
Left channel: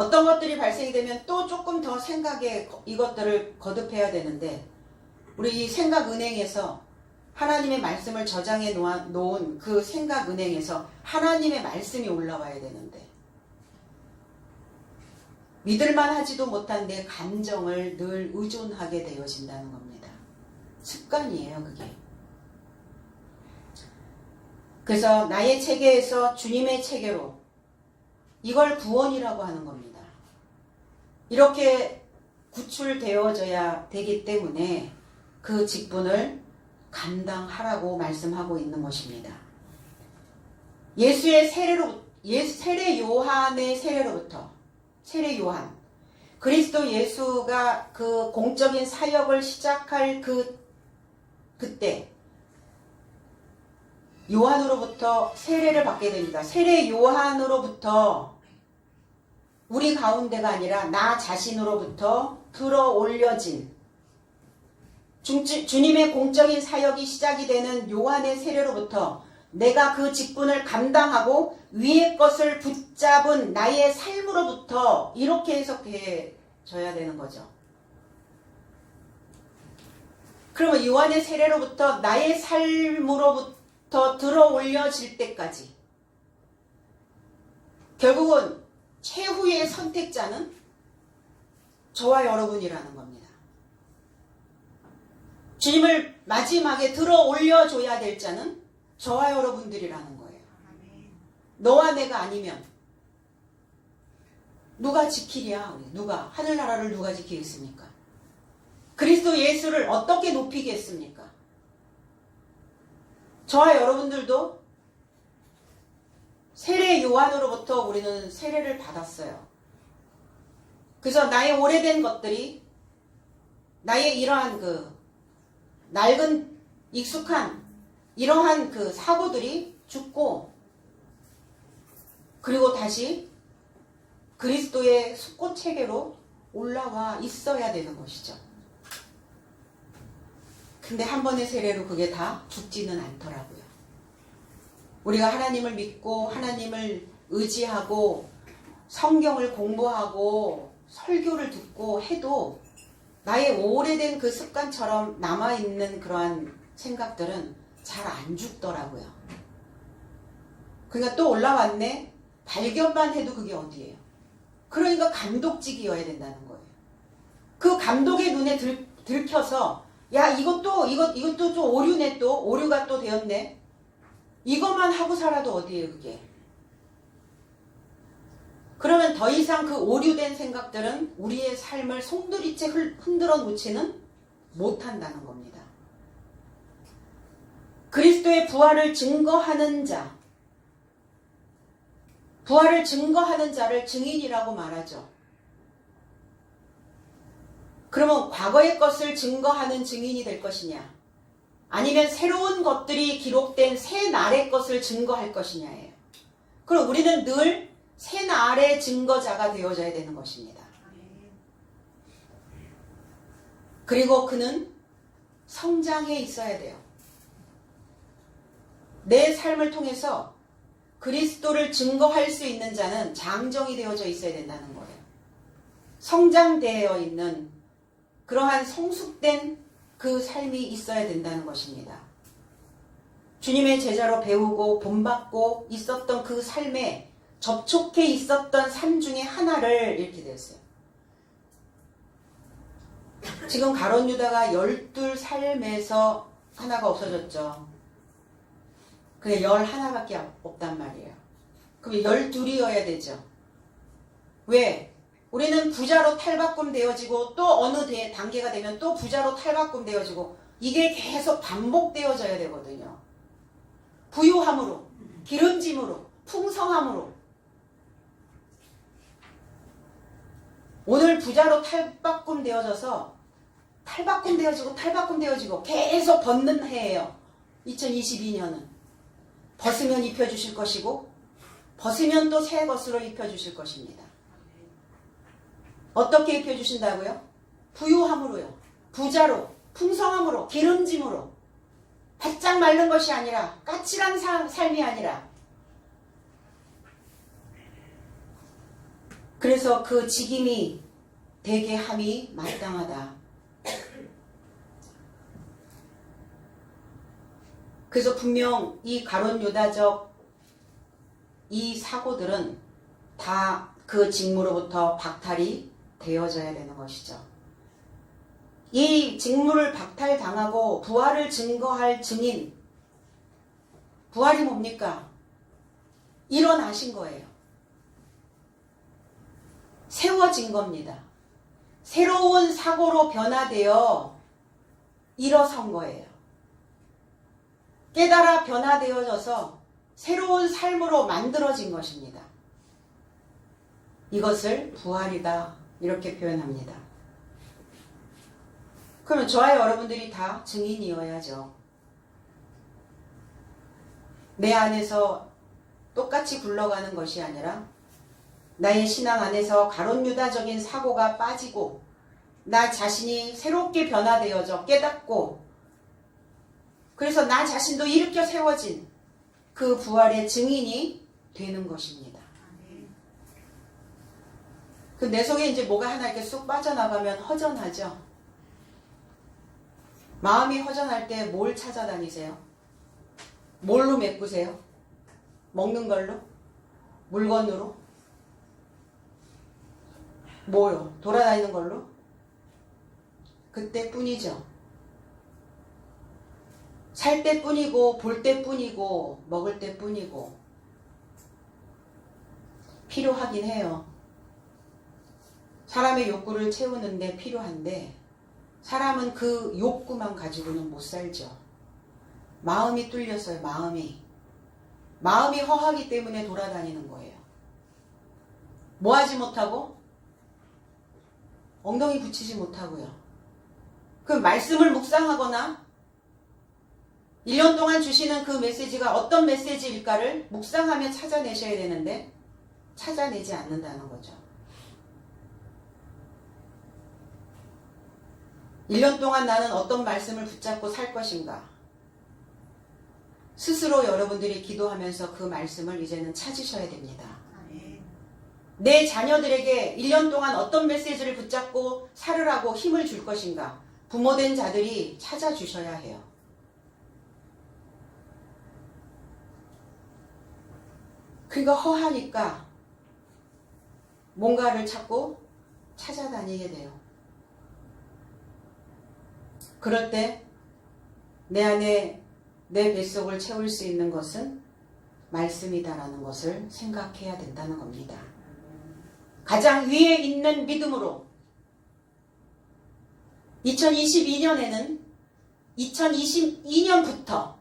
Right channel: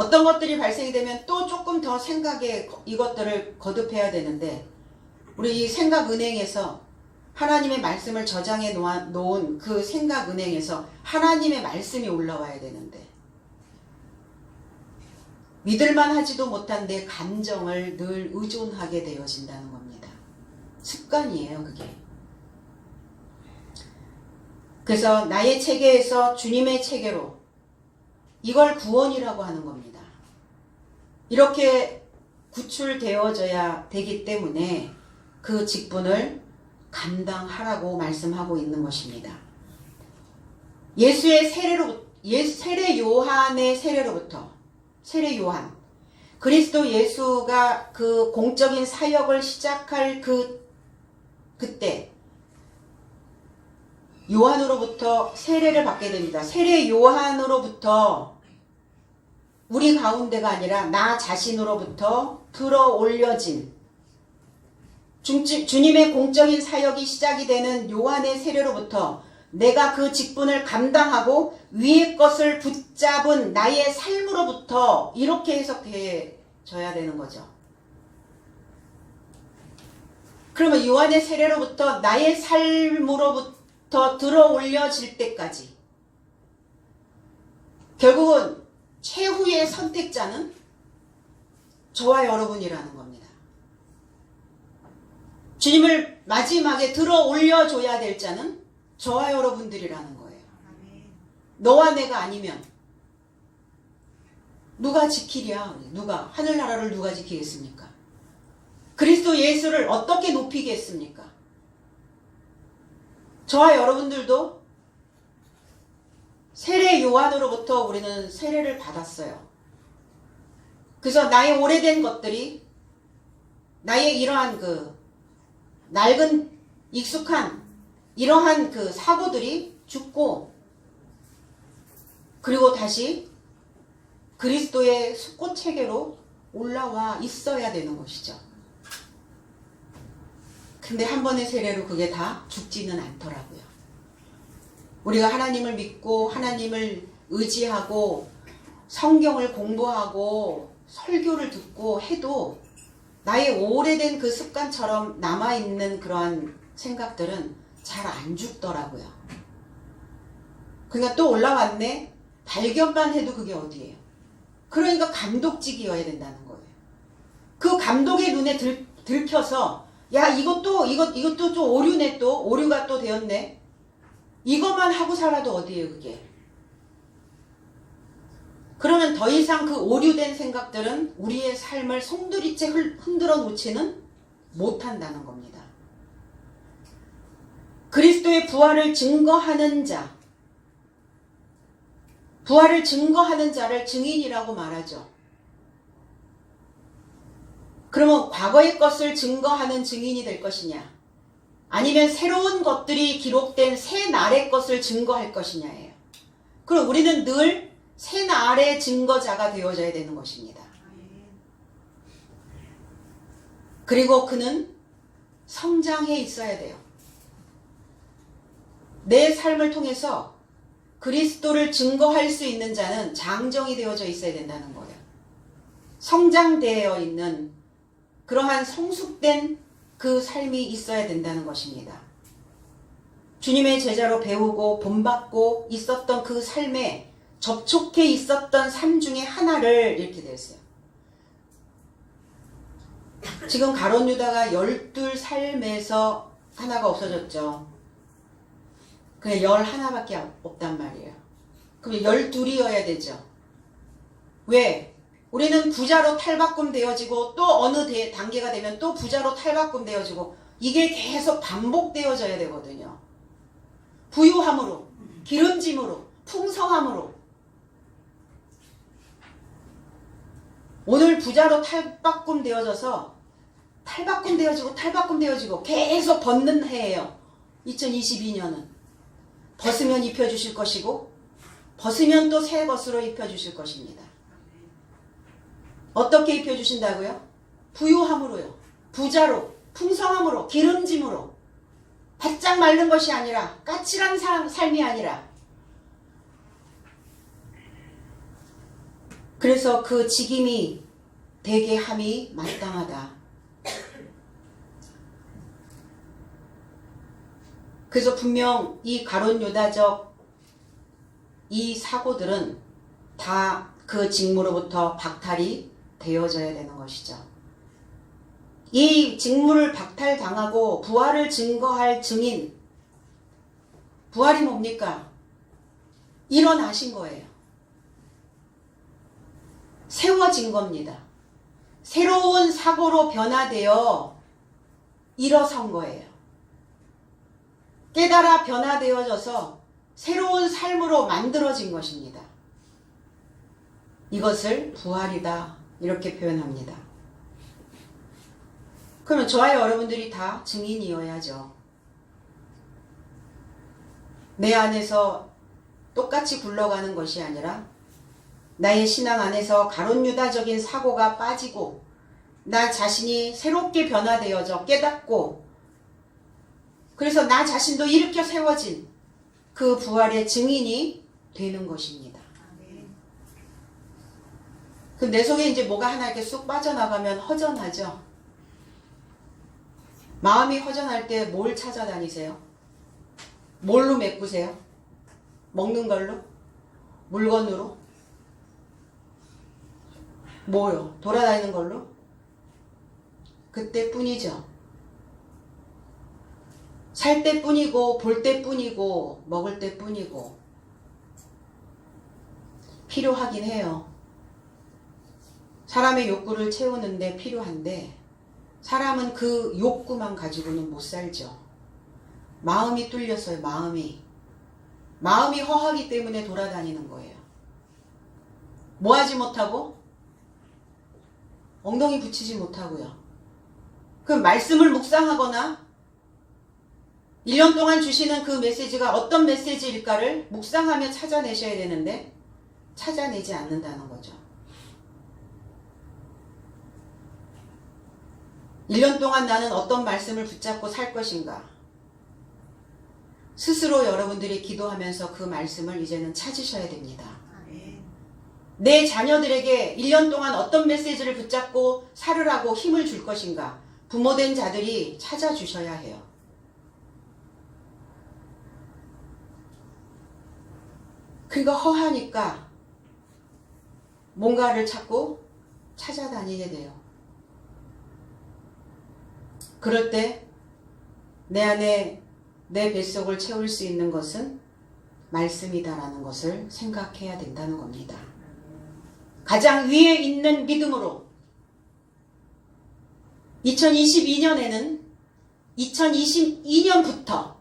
어떤 것들이 발생이 되면 또 조금 더 생각에 이것들을 거듭해야 되는데 우리 이 생각은행에서 하나님의 말씀을 저장해 놓은 그 생각은행에서 하나님의 말씀이 올라와야 되는데 믿을만 하지도 못한 내 감정을 늘 의존하게 되어진다는 겁니다. 습관이에요, 그게. 그래서 나의 체계에서 주님의 체계로 이걸 구원이라고 하는 겁니다. 이렇게 구출되어져야 되기 때문에 그 직분을 감당하라고 말씀하고 있는 것입니다. 예수의 세례 요한의 세례로부터 세례 요한 그리스도 예수가 그 공적인 사역을 시작할 그때 요한으로부터 세례를 받게 됩니다. 세례 요한으로부터 우리 가운데가 아니라 나 자신으로부터 들어 올려진 주님의 공적인 사역이 시작이 되는 요한의 세례로부터 내가 그 직분을 감당하고 위의 것을 붙잡은 나의 삶으로부터 이렇게 해석해져야 되는 거죠. 그러면 요한의 세례로부터 나의 삶으로부터 들어 올려질 때까지 결국은 최후의 선택자는 저와 여러분이라는 겁니다. 주님을 마지막에 들어 올려줘야 될 자는 저와 여러분들이라는 거예요. 너와 내가 아니면 누가 지키랴? 누가? 하늘나라를 누가 지키겠습니까? 그리스도 예수를 어떻게 높이겠습니까? 저와 여러분들도 세례 요한으로부터 우리는 세례를 받았어요. 그래서 나의 오래된 것들이 나의 이러한 낡은 익숙한 이러한 사고들이 죽고 그리고 다시 그리스도의 숫꽃 체계로 올라와 있어야 되는 것이죠. 근데 한 번의 세례로 그게 다 죽지는 않더라고요. 우리가 하나님을 믿고 하나님을 의지하고 성경을 공부하고 설교를 듣고 해도 나의 오래된 그 습관처럼 남아있는 그러한 생각들은 잘 안 죽더라고요. 그러니까 또 올라왔네? 발견만 해도 그게 어디예요? 그러니까 감독직이어야 된다는 거예요. 그 감독의 눈에 들켜서 야 이것도 좀 오류네 또 오류가 또 되었네. 이것만 하고 살아도 어디예요 그게? 그러면 더 이상 그 오류된 생각들은 우리의 삶을 송두리째 흔들어 놓지는 못한다는 겁니다. 그리스도의 부활을 증거하는 자, 부활을 증거하는 자를 증인이라고 말하죠. 그러면 과거의 것을 증거하는 증인이 될 것이냐 아니면 새로운 것들이 기록된 새 날의 것을 증거할 것이냐예요. 그럼 우리는 늘 새 날의 증거자가 되어져야 되는 것입니다. 그리고 그는 성장해 있어야 돼요. 내 삶을 통해서 그리스도를 증거할 수 있는 자는 장정이 되어져 있어야 된다는 거예요. 성장되어 있는 그러한 성숙된 그 삶이 있어야 된다는 것입니다. 주님의 제자로 배우고 본받고 있었던 그 삶에 접촉해 있었던 삶 중에 하나를 이렇게 되었어요. 지금 가룟 유다가 12 삶에서 하나가 없어졌죠. 그게 11밖에 없단 말이에요. 그럼 12이어야 되죠. 왜? 우리는 부자로 탈바꿈 되어지고 또 어느 단계가 되면 또 부자로 탈바꿈 되어지고 이게 계속 반복되어져야 되거든요. 부유함으로, 기름짐으로, 풍성함으로. 오늘 부자로 탈바꿈 되어져서 탈바꿈 되어지고 계속 벗는 해예요. 2022년은. 벗으면 입혀주실 것이고 벗으면 또 새 것으로 입혀주실 것입니다. 어떻게 입혀주신다고요? 부유함으로요. 부자로, 풍성함으로, 기름짐으로. 바짝 마른 것이 아니라 까칠한 삶이 아니라 그래서 그 직임이 되게 함이 마땅하다. 그래서 분명 이 가론 유다적 이 사고들은 다 그 직무로부터 박탈이 되어져야 되는 것이죠. 이 직무를 박탈당하고 부활을 증거할 증인, 부활이 뭡니까? 일어나신 거예요. 세워진 겁니다. 새로운 사고로 변화되어 일어선 거예요. 깨달아 변화되어져서 새로운 삶으로 만들어진 것입니다. 이것을 부활이다 이렇게 표현합니다. 그러면 저와 여러분들이 다 증인이어야죠. 내 안에서 똑같이 굴러가는 것이 아니라 나의 신앙 안에서 가론유다적인 사고가 빠지고 나 자신이 새롭게 변화되어져 깨닫고 그래서 나 자신도 일으켜 세워진 그 부활의 증인이 되는 것입니다. 그럼 내 속에 이제 뭐가 하나 이렇게 쑥 빠져나가면 허전하죠. 마음이 허전할 때 뭘 찾아다니세요? 뭘로 메꾸세요? 먹는 걸로? 물건으로? 뭐요? 돌아다니는 걸로? 그때뿐이죠. 살 때뿐이고 볼 때뿐이고 먹을 때뿐이고 필요하긴 해요. 사람의 욕구를 채우는데 필요한데 사람은 그 욕구만 가지고는 못 살죠. 마음이 뚫렸어요. 마음이 허하기 때문에 돌아다니는 거예요. 뭐 하지 못하고? 엉덩이 붙이지 못하고요. 그 말씀을 묵상하거나 1년 동안 주시는 그 메시지가 어떤 메시지일까를 묵상하며 찾아내셔야 되는데 찾아내지 않는다는 거죠. 1년 동안 나는 어떤 말씀을 붙잡고 살 것인가? 스스로 여러분들이 기도하면서 그 말씀을 이제는 찾으셔야 됩니다. 내 자녀들에게 1년 동안 어떤 메시지를 붙잡고 살으라고 힘을 줄 것인가? 부모된 자들이 찾아주셔야 해요. 그러니까 허하니까 뭔가를 찾고 찾아다니게 돼요. 그럴 때 내 안에 내 뱃속을 채울 수 있는 것은 말씀이다라는 것을 생각해야 된다는 겁니다. 가장 위에 있는 믿음으로 2022년에는 2022년부터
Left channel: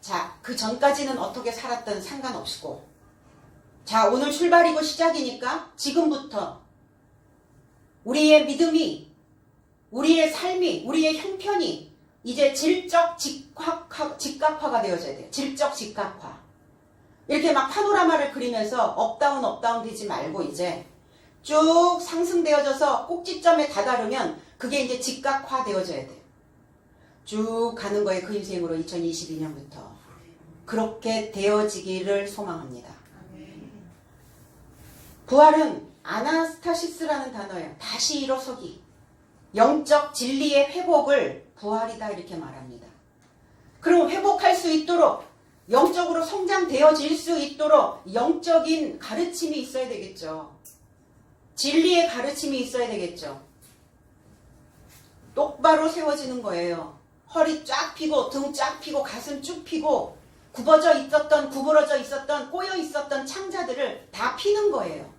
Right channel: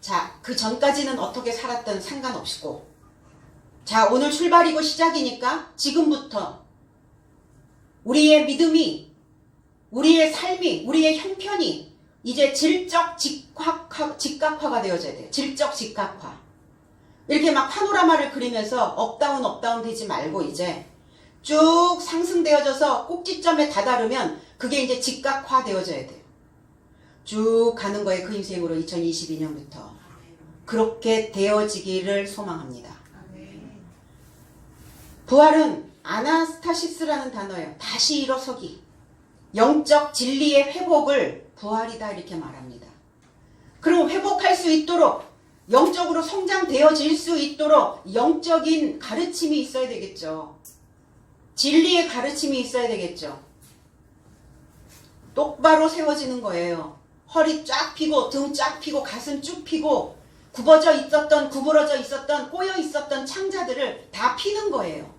자, 그 전까지는 어떻게 살았든 상관없고 자, 오늘 출발이고 시작이니까 지금부터 우리의 믿음이 우리의 삶이 우리의 형편이 이제 질적 직각화가 되어져야 돼요. 질적 직각화. 이렇게 막 파노라마를 그리면서 업다운 되지 말고 이제 쭉 상승되어져서 꼭지점에 다다르면 그게 이제 직각화 되어져야 돼요. 쭉 가는 거예요. 그 인생으로 2022년부터. 그렇게 되어지기를 소망합니다. 부활은 아나스타시스라는 단어예요. 다시 일어서기. 영적 진리의 회복을 부활이다 이렇게 말합니다. 그럼 회복할 수 있도록 영적으로 성장되어질 수 있도록 영적인 가르침이 있어야 되겠죠. 진리의 가르침이 있어야 되겠죠. 똑바로 세워지는 거예요. 허리 쫙 펴고 등 쫙 펴고 가슴 쭉 펴고 굽어져 있었던 구부러져 있었던 꼬여 있었던 창자들을 다 피는 거예요.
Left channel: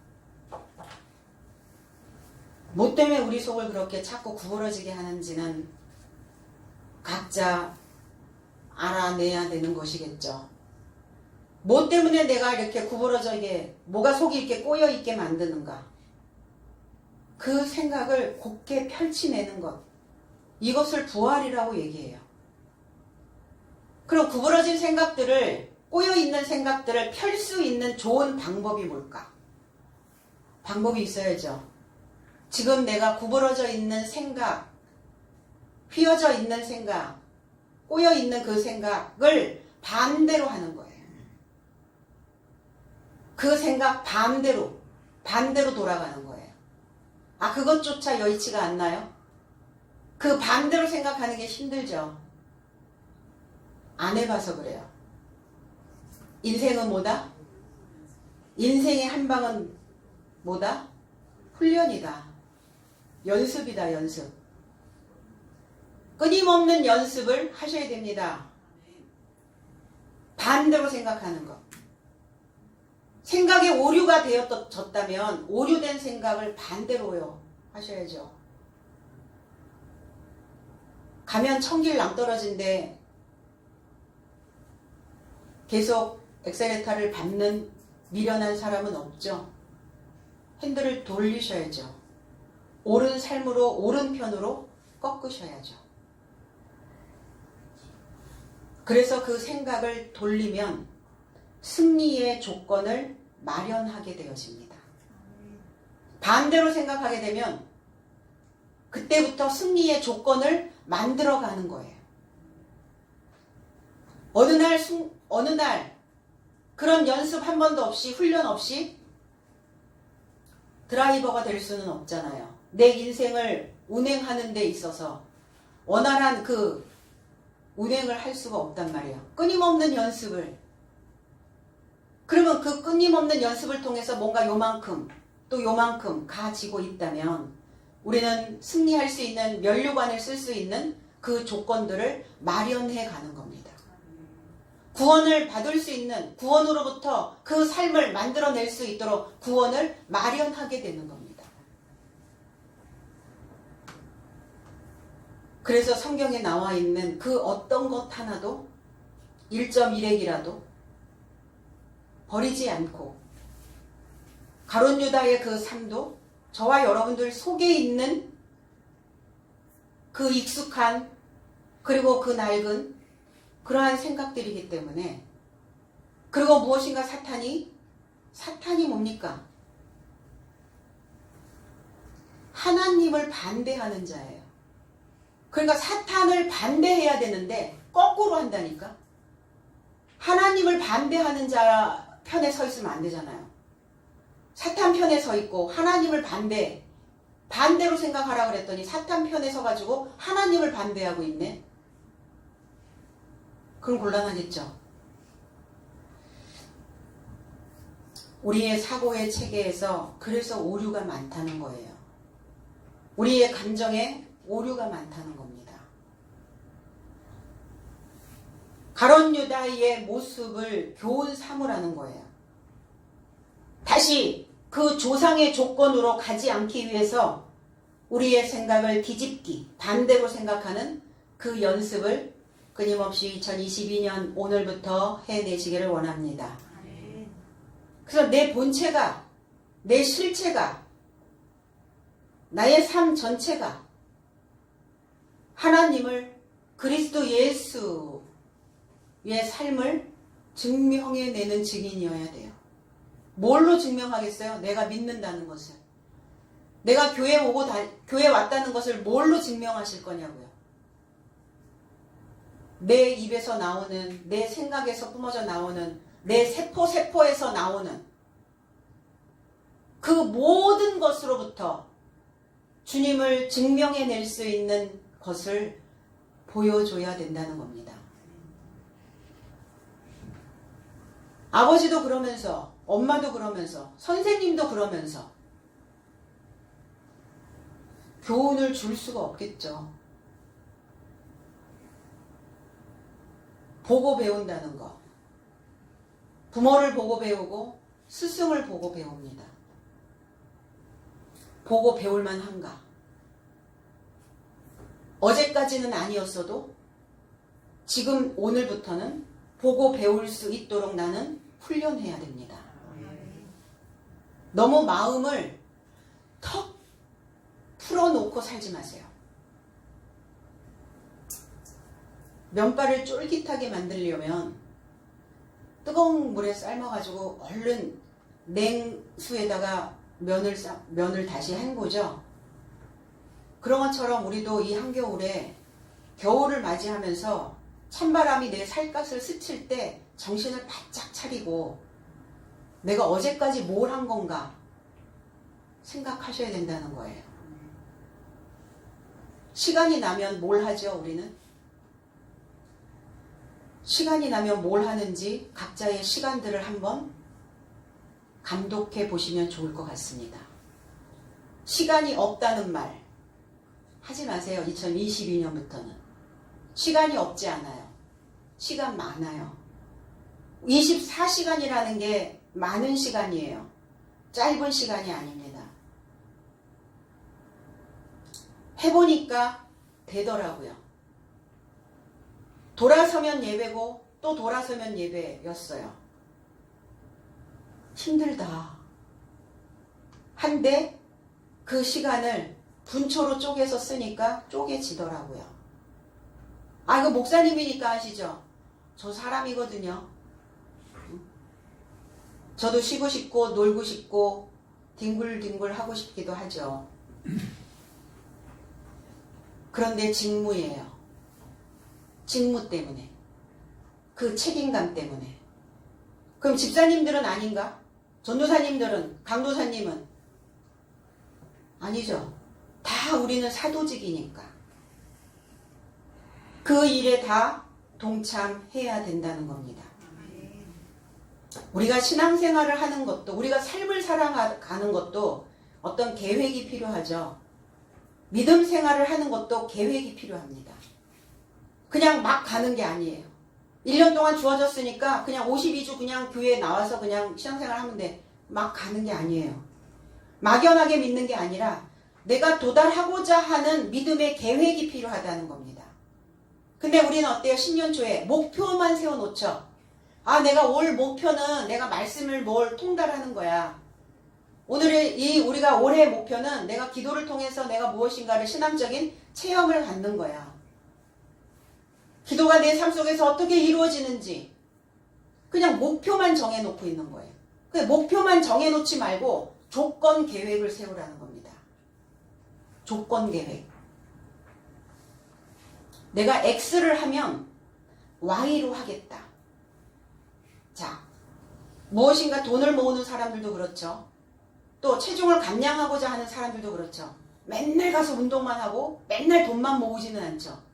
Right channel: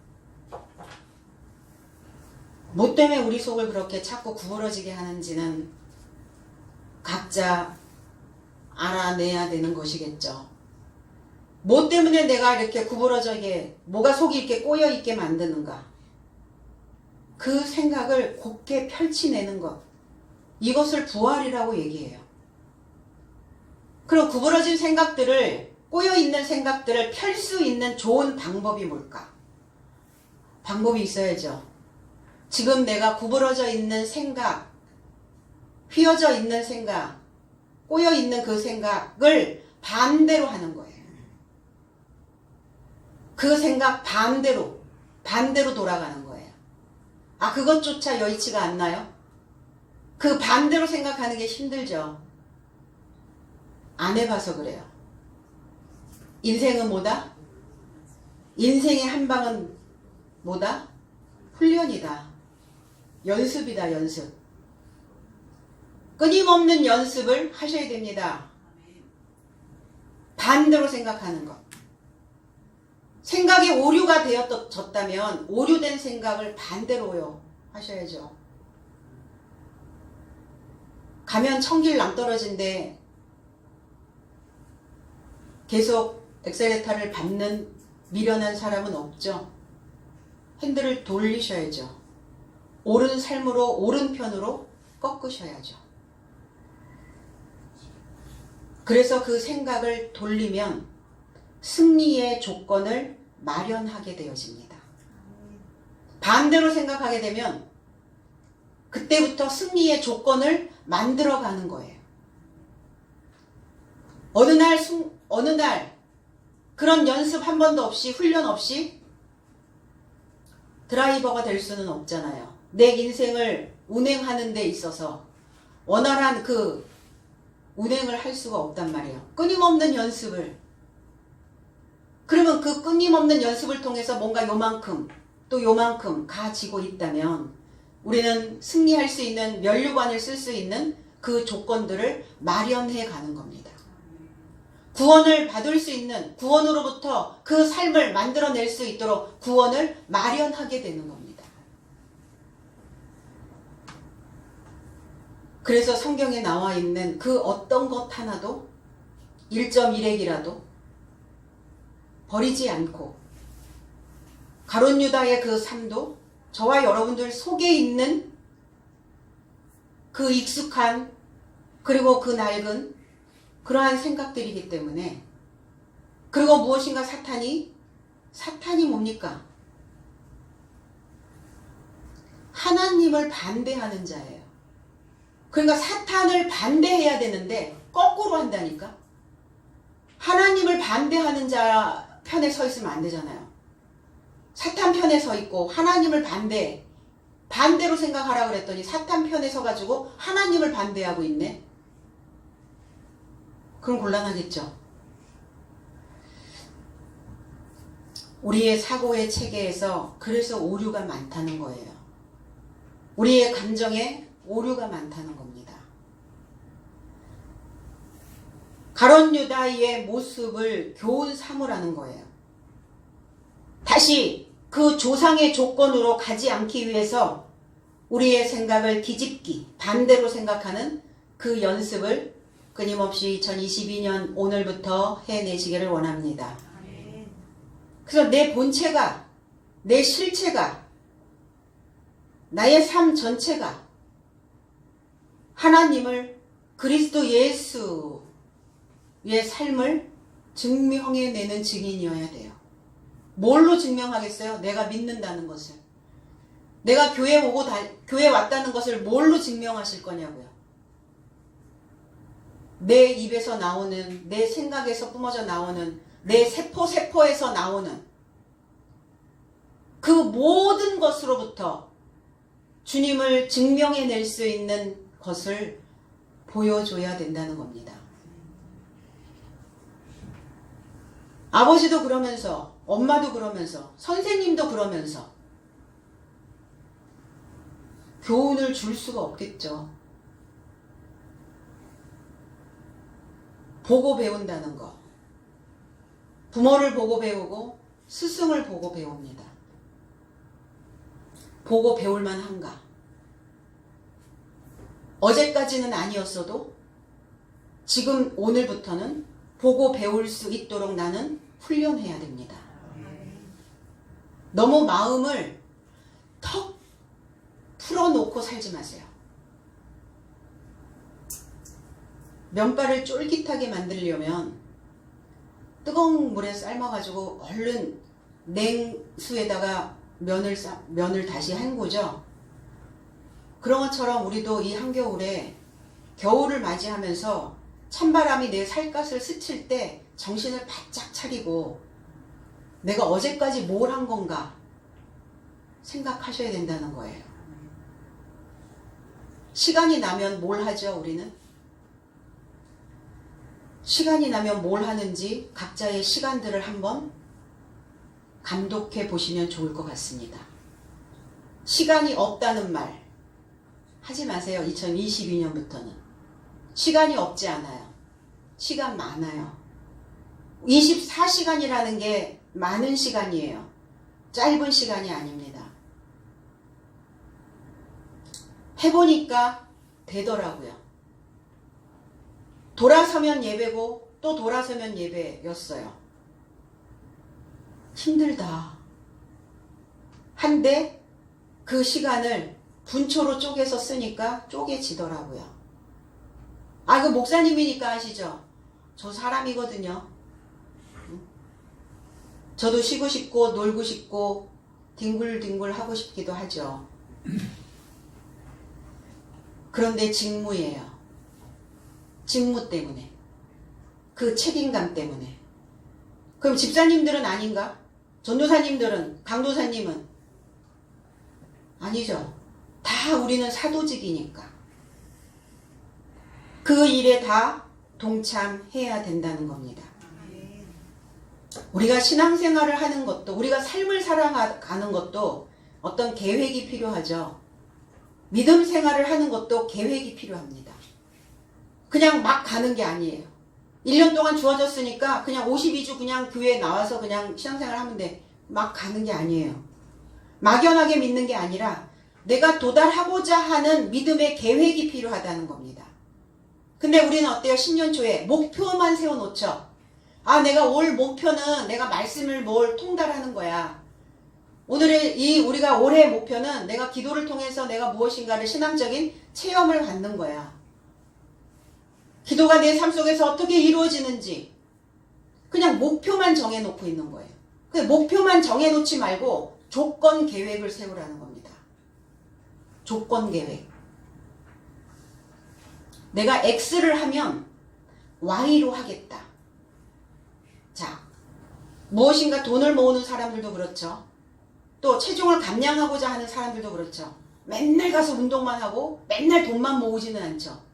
뭐 때문에 우리 속을 그렇게 자꾸 구부러지게 하는지는 각자 알아내야 되는 것이겠죠. 뭐 때문에 내가 이렇게 구부러져게 뭐가 속이 이렇게 꼬여 있게 만드는가? 그 생각을 곱게 펼치내는 것. 이것을 부활이라고 얘기해요. 그럼 구부러진 생각들을 꼬여 있는 생각들을 펼 수 있는 좋은 방법이 뭘까? 방법이 있어야죠. 지금 내가 구부러져 있는 생각, 휘어져 있는 생각, 꼬여 있는 그 생각을 반대로 하는 거예요. 그 생각 반대로 반대로 돌아가는 거예요. 아, 그것조차 여의치가 않나요? 그 반대로 생각하는 게 힘들죠. 안 해봐서 그래요. 인생은 뭐다? 인생의 한 방은 뭐다? 훈련이다. 연습이다, 연습. 끊임없는 연습을 하셔야 됩니다. 반대로 생각하는 것. 생각이 오류가 되어졌다면 오류된 생각을 반대로요 하셔야죠. 가면 천길 낭떠러진데 계속 엑셀레터를 밟는 미련한 사람은 없죠. 핸들을 돌리셔야죠. 옳은 삶으로 오른편으로 꺾으셔야죠. 그래서 그 생각을 돌리면 승리의 조건을 마련하게 되어집니다. 반대로 생각하게 되면 그때부터 승리의 조건을 만들어가는 거예요. 어느 날 그런 연습 한 번도 없이 훈련 없이 드라이버가 될 수는 없잖아요. 내 인생을 운행하는 데 있어서 원활한 그 운행을 할 수가 없단 말이에요. 끊임없는 연습을. 그러면 그 끊임없는 연습을 통해서 뭔가 요만큼 또 요만큼 가지고 있다면 우리는 승리할 수 있는 면류관을 쓸 수 있는 그 조건들을 마련해 가는 겁니다. 구원을 받을 수 있는 구원으로부터 그 삶을 만들어낼 수 있도록 구원을 마련하게 되는 겁니다. 그래서 성경에 나와 있는 그 어떤 것 하나도 1.1핵이라도 버리지 않고 가룟 유다의 그 삶도 저와 여러분들 속에 있는 그 익숙한 그리고 그 낡은 그러한 생각들이기 때문에 그리고 무엇인가 사탄이 뭡니까? 하나님을 반대하는 자예요. 그러니까 사탄을 반대해야 되는데 거꾸로 한다니까. 하나님을 반대하는 자 편에 서 있으면 안 되잖아요. 사탄 편에 서 있고 하나님을 반대로 생각하라고 그랬더니 사탄 편에 서가지고 하나님을 반대하고 있네. 그럼 곤란하겠죠. 우리의 사고의 체계에서 그래서 오류가 많다는 거예요. 우리의 감정에 오류가 많다는 겁니다. 가룟 유다의 모습을 교훈 삼으라는 거예요. 다시 그 조상의 조건으로 가지 않기 위해서 우리의 생각을 뒤집기, 반대로 생각하는 그 연습을 끊임없이 2022년 오늘부터 해내시기를 원합니다. 그래서 내 본체가, 내 실체가, 나의 삶 전체가 하나님을 그리스도 예수의 삶을 증명해내는 증인이어야 돼요. 뭘로 증명하겠어요? 내가 믿는다는 것을. 내가 교회 왔다는 것을 뭘로 증명하실 거냐고요. 내 입에서 나오는, 내 생각에서 뿜어져 나오는, 내 세포에서 나오는 그 모든 것으로부터 주님을 증명해낼 수 있는 것을 보여줘야 된다는 겁니다. 아버지도 그러면서, 엄마도 그러면서, 선생님도 그러면서 교훈을 줄 수가 없겠죠. 보고 배운다는 거. 부모를 보고 배우고 스승을 보고 배웁니다. 보고 배울 만한가? 어제까지는 아니었어도 지금 오늘부터는 보고 배울 수 있도록 나는 훈련해야 됩니다. 너무 마음을 턱 풀어놓고 살지 마세요. 면발을 쫄깃하게 만들려면 뜨거운 물에 삶아가지고 얼른 냉수에다가 면을 다시 헹구죠. 그런 것처럼 우리도 이 한겨울에 겨울을 맞이하면서 찬바람이 내 살갗을 스칠 때 정신을 바짝 차리고 내가 어제까지 뭘 한 건가? 생각하셔야 된다는 거예요. 시간이 나면 뭘 하죠, 우리는? 시간이 나면 뭘 하는지 각자의 시간들을 한번 감독해 보시면 좋을 것 같습니다. 시간이 없다는 말 하지 마세요. 2022년부터는. 시간이 없지 않아요. 시간 많아요. 24시간이라는 게 많은 시간이에요. 짧은 시간이 아닙니다. 해보니까 되더라고요. 돌아서면 예배고 또 돌아서면 예배였어요. 힘들다. 한데 그 시간을 분초로 쪼개서 쓰니까 쪼개지더라고요. 아, 이거 목사님이니까 아시죠? 저 사람이거든요. 저도 쉬고 싶고 놀고 싶고 뒹굴뒹굴 하고 싶기도 하죠. 그런데 직무예요. 직무 때문에. 그 책임감 때문에. 그럼 집사님들은 아닌가? 전도사님들은, 강도사님은? 아니죠. 다 우리는 사도직이니까. 그 일에 다 동참해야 된다는 겁니다. 우리가 신앙생활을 하는 것도, 우리가 삶을 살아가는 것도 어떤 계획이 필요하죠. 믿음 생활을 하는 것도 계획이 필요합니다. 그냥 막 가는 게 아니에요. 1년 동안 주어졌으니까 그냥 52주 그냥 교회에 나와서 그냥 신앙생활 하면 돼. 막 가는 게 아니에요. 막연하게 믿는 게 아니라 내가 도달하고자 하는 믿음의 계획이 필요하다는 겁니다. 근데 우리는 어때요? 신년 초에 목표만 세워놓죠. 아, 내가 올 목표는 내가 말씀을 뭘 통달하는 거야. 오늘의 우리가 올해의 목표는 내가 기도를 통해서 내가 무엇인가를 신앙적인 체험을 갖는 거야. 기도가 내 삶 속에서 어떻게 이루어지는지 그냥 목표만 정해놓고 있는 거예요. 그 목표만 정해놓지 말고 조건 계획을 세우라는 겁니다. 조건 계획. 내가 X를 하면 Y로 하겠다. 자, 무엇인가 돈을 모으는 사람들도 그렇죠. 또 체중을 감량하고자 하는 사람들도 그렇죠. 맨날 가서 운동만 하고 맨날 돈만 모으지는 않죠.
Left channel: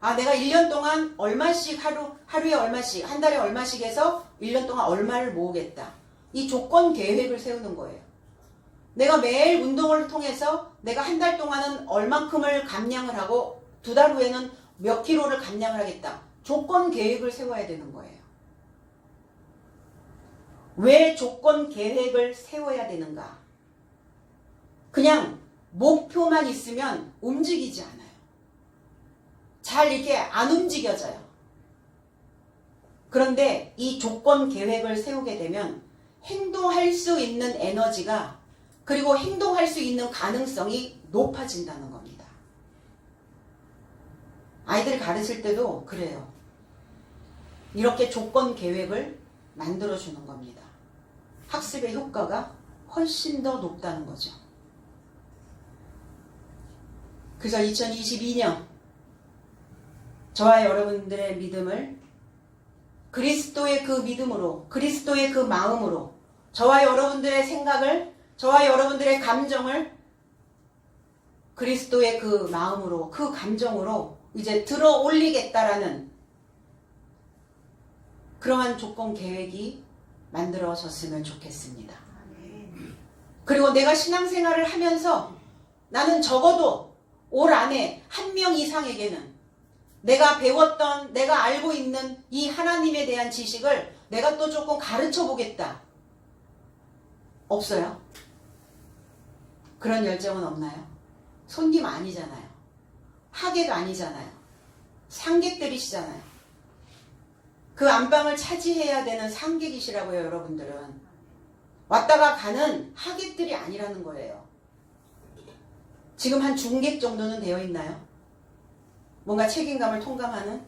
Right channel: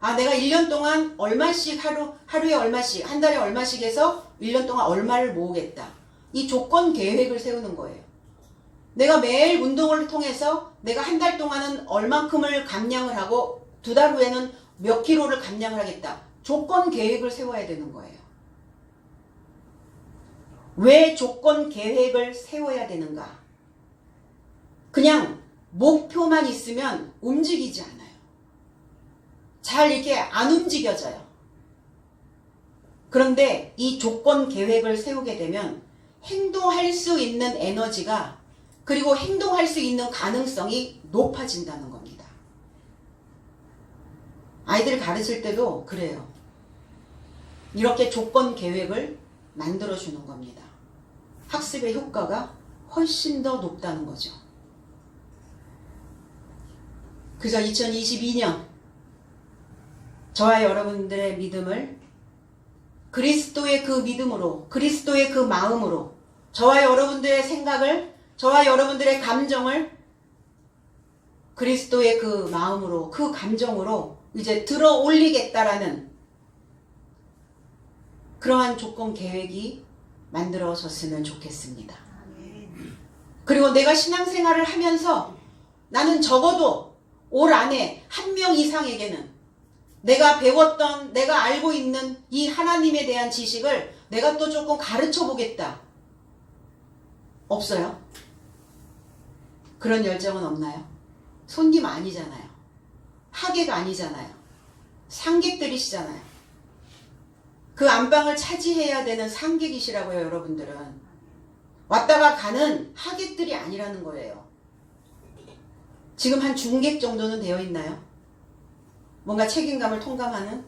아, 내가 1년 동안 얼마씩 하루에 얼마씩, 한 달에 얼마씩 해서 1년 동안 얼마를 모으겠다. 이 조건 계획을 세우는 거예요. 내가 매일 운동을 통해서 내가 한 달 동안은 얼만큼을 감량을 하고 2달 후에는 몇 킬로를 감량을 하겠다. 조건 계획을 세워야 되는 거예요. 왜 조건 계획을 세워야 되는가? 그냥 목표만 있으면 움직이지 않아요. 잘 이렇게 안 움직여져요. 그런데 이 조건 계획을 세우게 되면 행동할 수 있는 에너지가 그리고 행동할 수 있는 가능성이 높아진다는 겁니다. 아이들 가르칠 때도 그래요. 이렇게 조건 계획을 만들어주는 겁니다. 학습의 효과가 훨씬 더 높다는 거죠. 그래서 2022년 저와 여러분들의 믿음을 그리스도의 그 믿음으로, 그리스도의 그 마음으로, 저와 여러분들의 생각을, 저와 여러분들의 감정을 그리스도의 그 마음으로, 그 감정으로 이제 들어 올리겠다라는 그러한 조건 계획이 만들어졌으면 좋겠습니다. 그리고 내가 신앙생활을 하면서 나는 적어도 올 안에 1명 이상에게는 내가 배웠던, 내가 알고 있는 이 하나님에 대한 지식을 내가 또 조금 가르쳐 보겠다. 없어요? 그런 열정은 없나요? 손님 아니잖아요. 하객 아니잖아요. 상객들이시잖아요. 그 안방을 차지해야 되는 상객이시라고요, 여러분들은. 왔다가 가는 하객들이 아니라는 거예요. 지금 한 중객 정도는 되어 있나요? 뭔가 책임감을 통감하는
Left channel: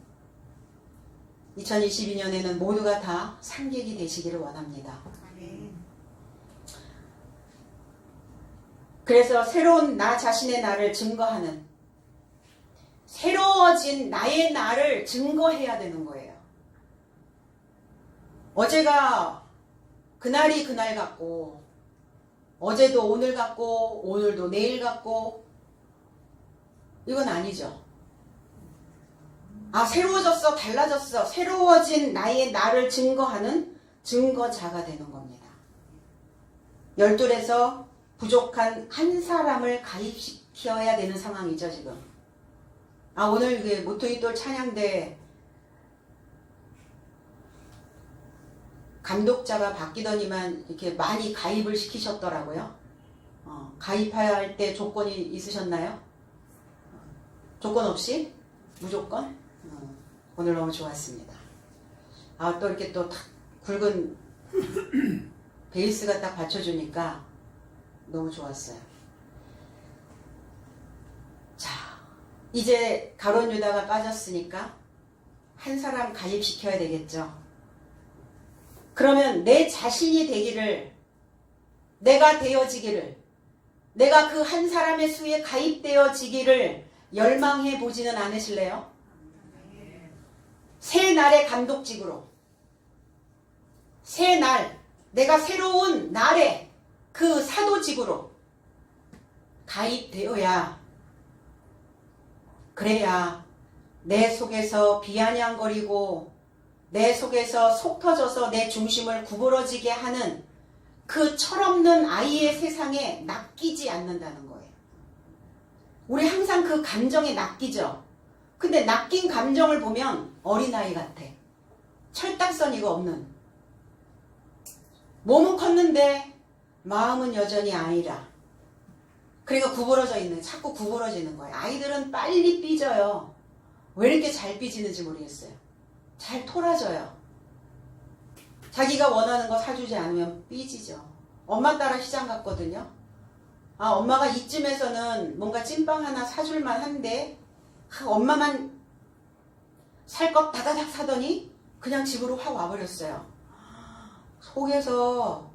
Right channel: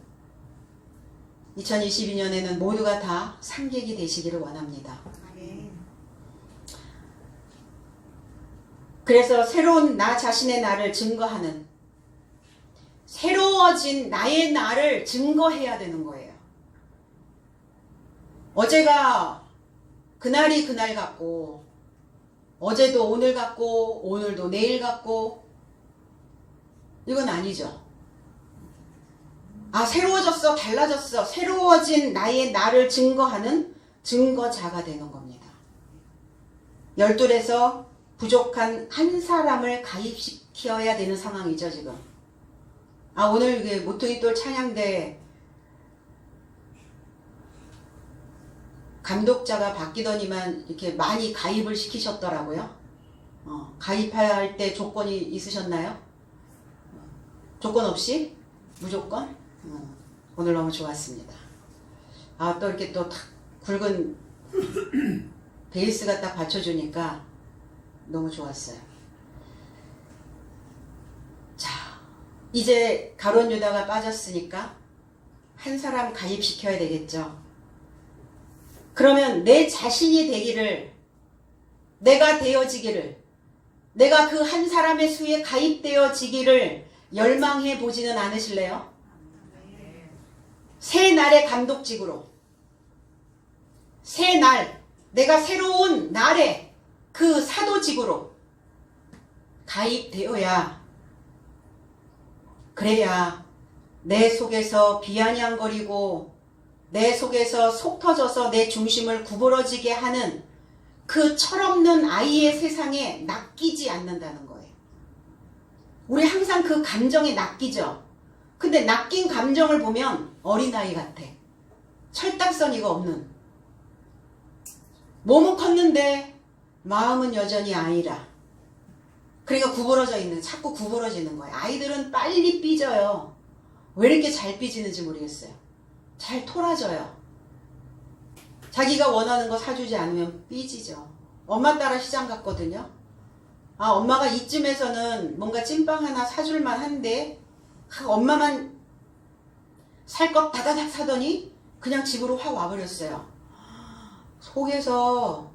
2022년에는 모두가 다 상객이 되시기를 원합니다. 그래서 새로운 나 자신의 나를 증거하는, 새로워진 나의 나를 증거해야 되는 거예요. 어제가 그날이 그날 같고 어제도 오늘 같고 오늘도 내일 같고 이건 아니죠. 아, 새로워졌어, 달라졌어, 새로워진 나를 증거하는 증거자가 되는 겁니다. 열둘에서 부족한 한 사람을 가입시켜야 되는 상황이죠, 지금. 아, 오늘 그 모퉁이돌 찬양대 감독자가 바뀌더니만 이렇게 많이 가입을 시키셨더라고요. 가입해야 할 때 조건이 있으셨나요? 조건 없이? 무조건? 오늘 너무 좋았습니다. 아, 또 이렇게 또 탁 굵은 베이스가 딱 받쳐주니까 너무 좋았어요. 자, 이제 가룟 유다가 빠졌으니까 한 사람 가입시켜야 되겠죠. 그러면 내 자신이 되기를, 내가 되어지기를, 내가 그 한 사람의 수에 가입되어지기를 열망해 보지는 않으실래요? 새 날의 감독직으로, 새 날, 내가 새로운 날의 그 사도직으로 가입되어야, 그래야 내 속에서 비아냥거리고 내 속에서 속 터져서 내 중심을 구부러지게 하는 그 철없는 아이의 세상에 낚이지 않는다는 거예요. 우리 항상 그 감정에 낚이죠. 근데 낚인 감정을 보면 어린아이 같아. 철딱서니가 없는. 몸은 컸는데 마음은 여전히 아이라. 그러니까 구부러져 있는, 자꾸 구부러지는 거예요. 아이들은 빨리 삐져요. 왜 이렇게 잘 삐지는지 모르겠어요. 잘 토라져요. 자기가 원하는 거 사주지 않으면 삐지죠. 엄마 따라 시장 갔거든요. 아, 엄마가 이쯤에서는 뭔가 찐빵 하나 사줄만 한데 엄마만 살 것 다다닥 사더니 그냥 집으로 확 와버렸어요. 속에서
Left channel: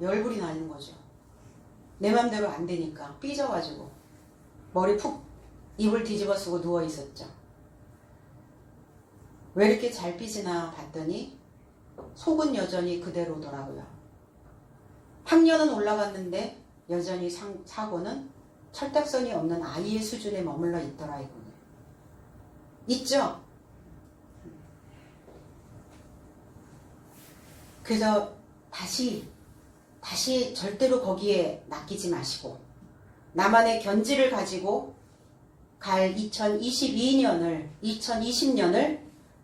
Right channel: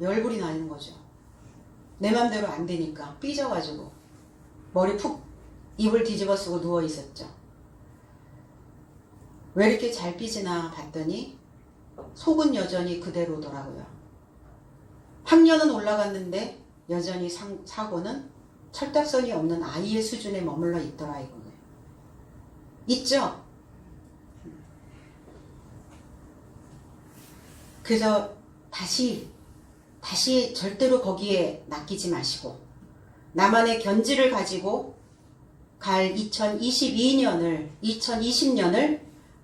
열불이 나는 거죠. 내 맘대로 안 되니까 삐져가지고 머리 푹 입을 뒤집어 쓰고 누워 있었죠. 왜 이렇게 잘 삐지나 봤더니 속은 여전히 그대로더라고요. 학년은 올라갔는데 여전히 사고는 철딱선이 없는 아이의 수준에 머물러 있더라 이거예요. 있죠? 그래서 다시 절대로 거기에 낚이지 마시고 나만의 견지를 가지고 갈 2020년을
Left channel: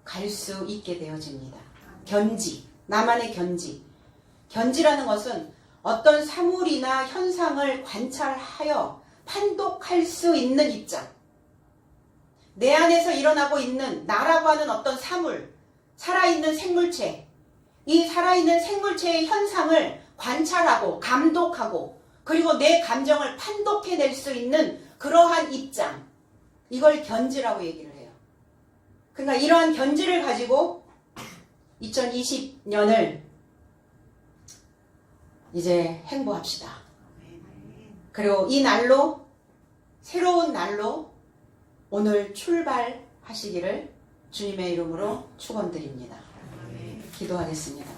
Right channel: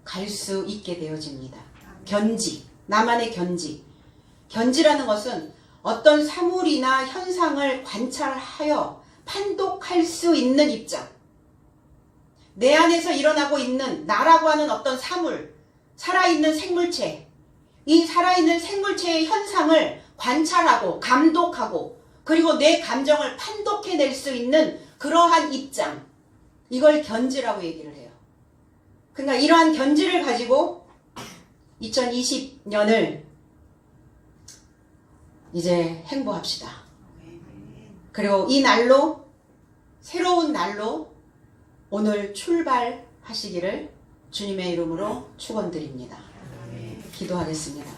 갈 수 있게 되어집니다. 견지, 나만의 견지. 견지라는 것은 어떤 사물이나 현상을 관찰하여 판독할 수 있는 입장. 내 안에서 일어나고 있는 나라고 하는 어떤 사물, 살아있는 생물체, 이 살아있는 생물체의 현상을 관찰하고 감독하고 그리고 내 감정을 판독해낼 수 있는 그러한 입장, 이걸 견지라고 얘기를 해요. 그러니까 이러한 견지를 가지고 2020년을 이제 행보합시다. 그리고 이 날로, 새로운 날로 오늘 출발하시기를 주님의 이름으로 축원드립니다. 기도하겠습니다.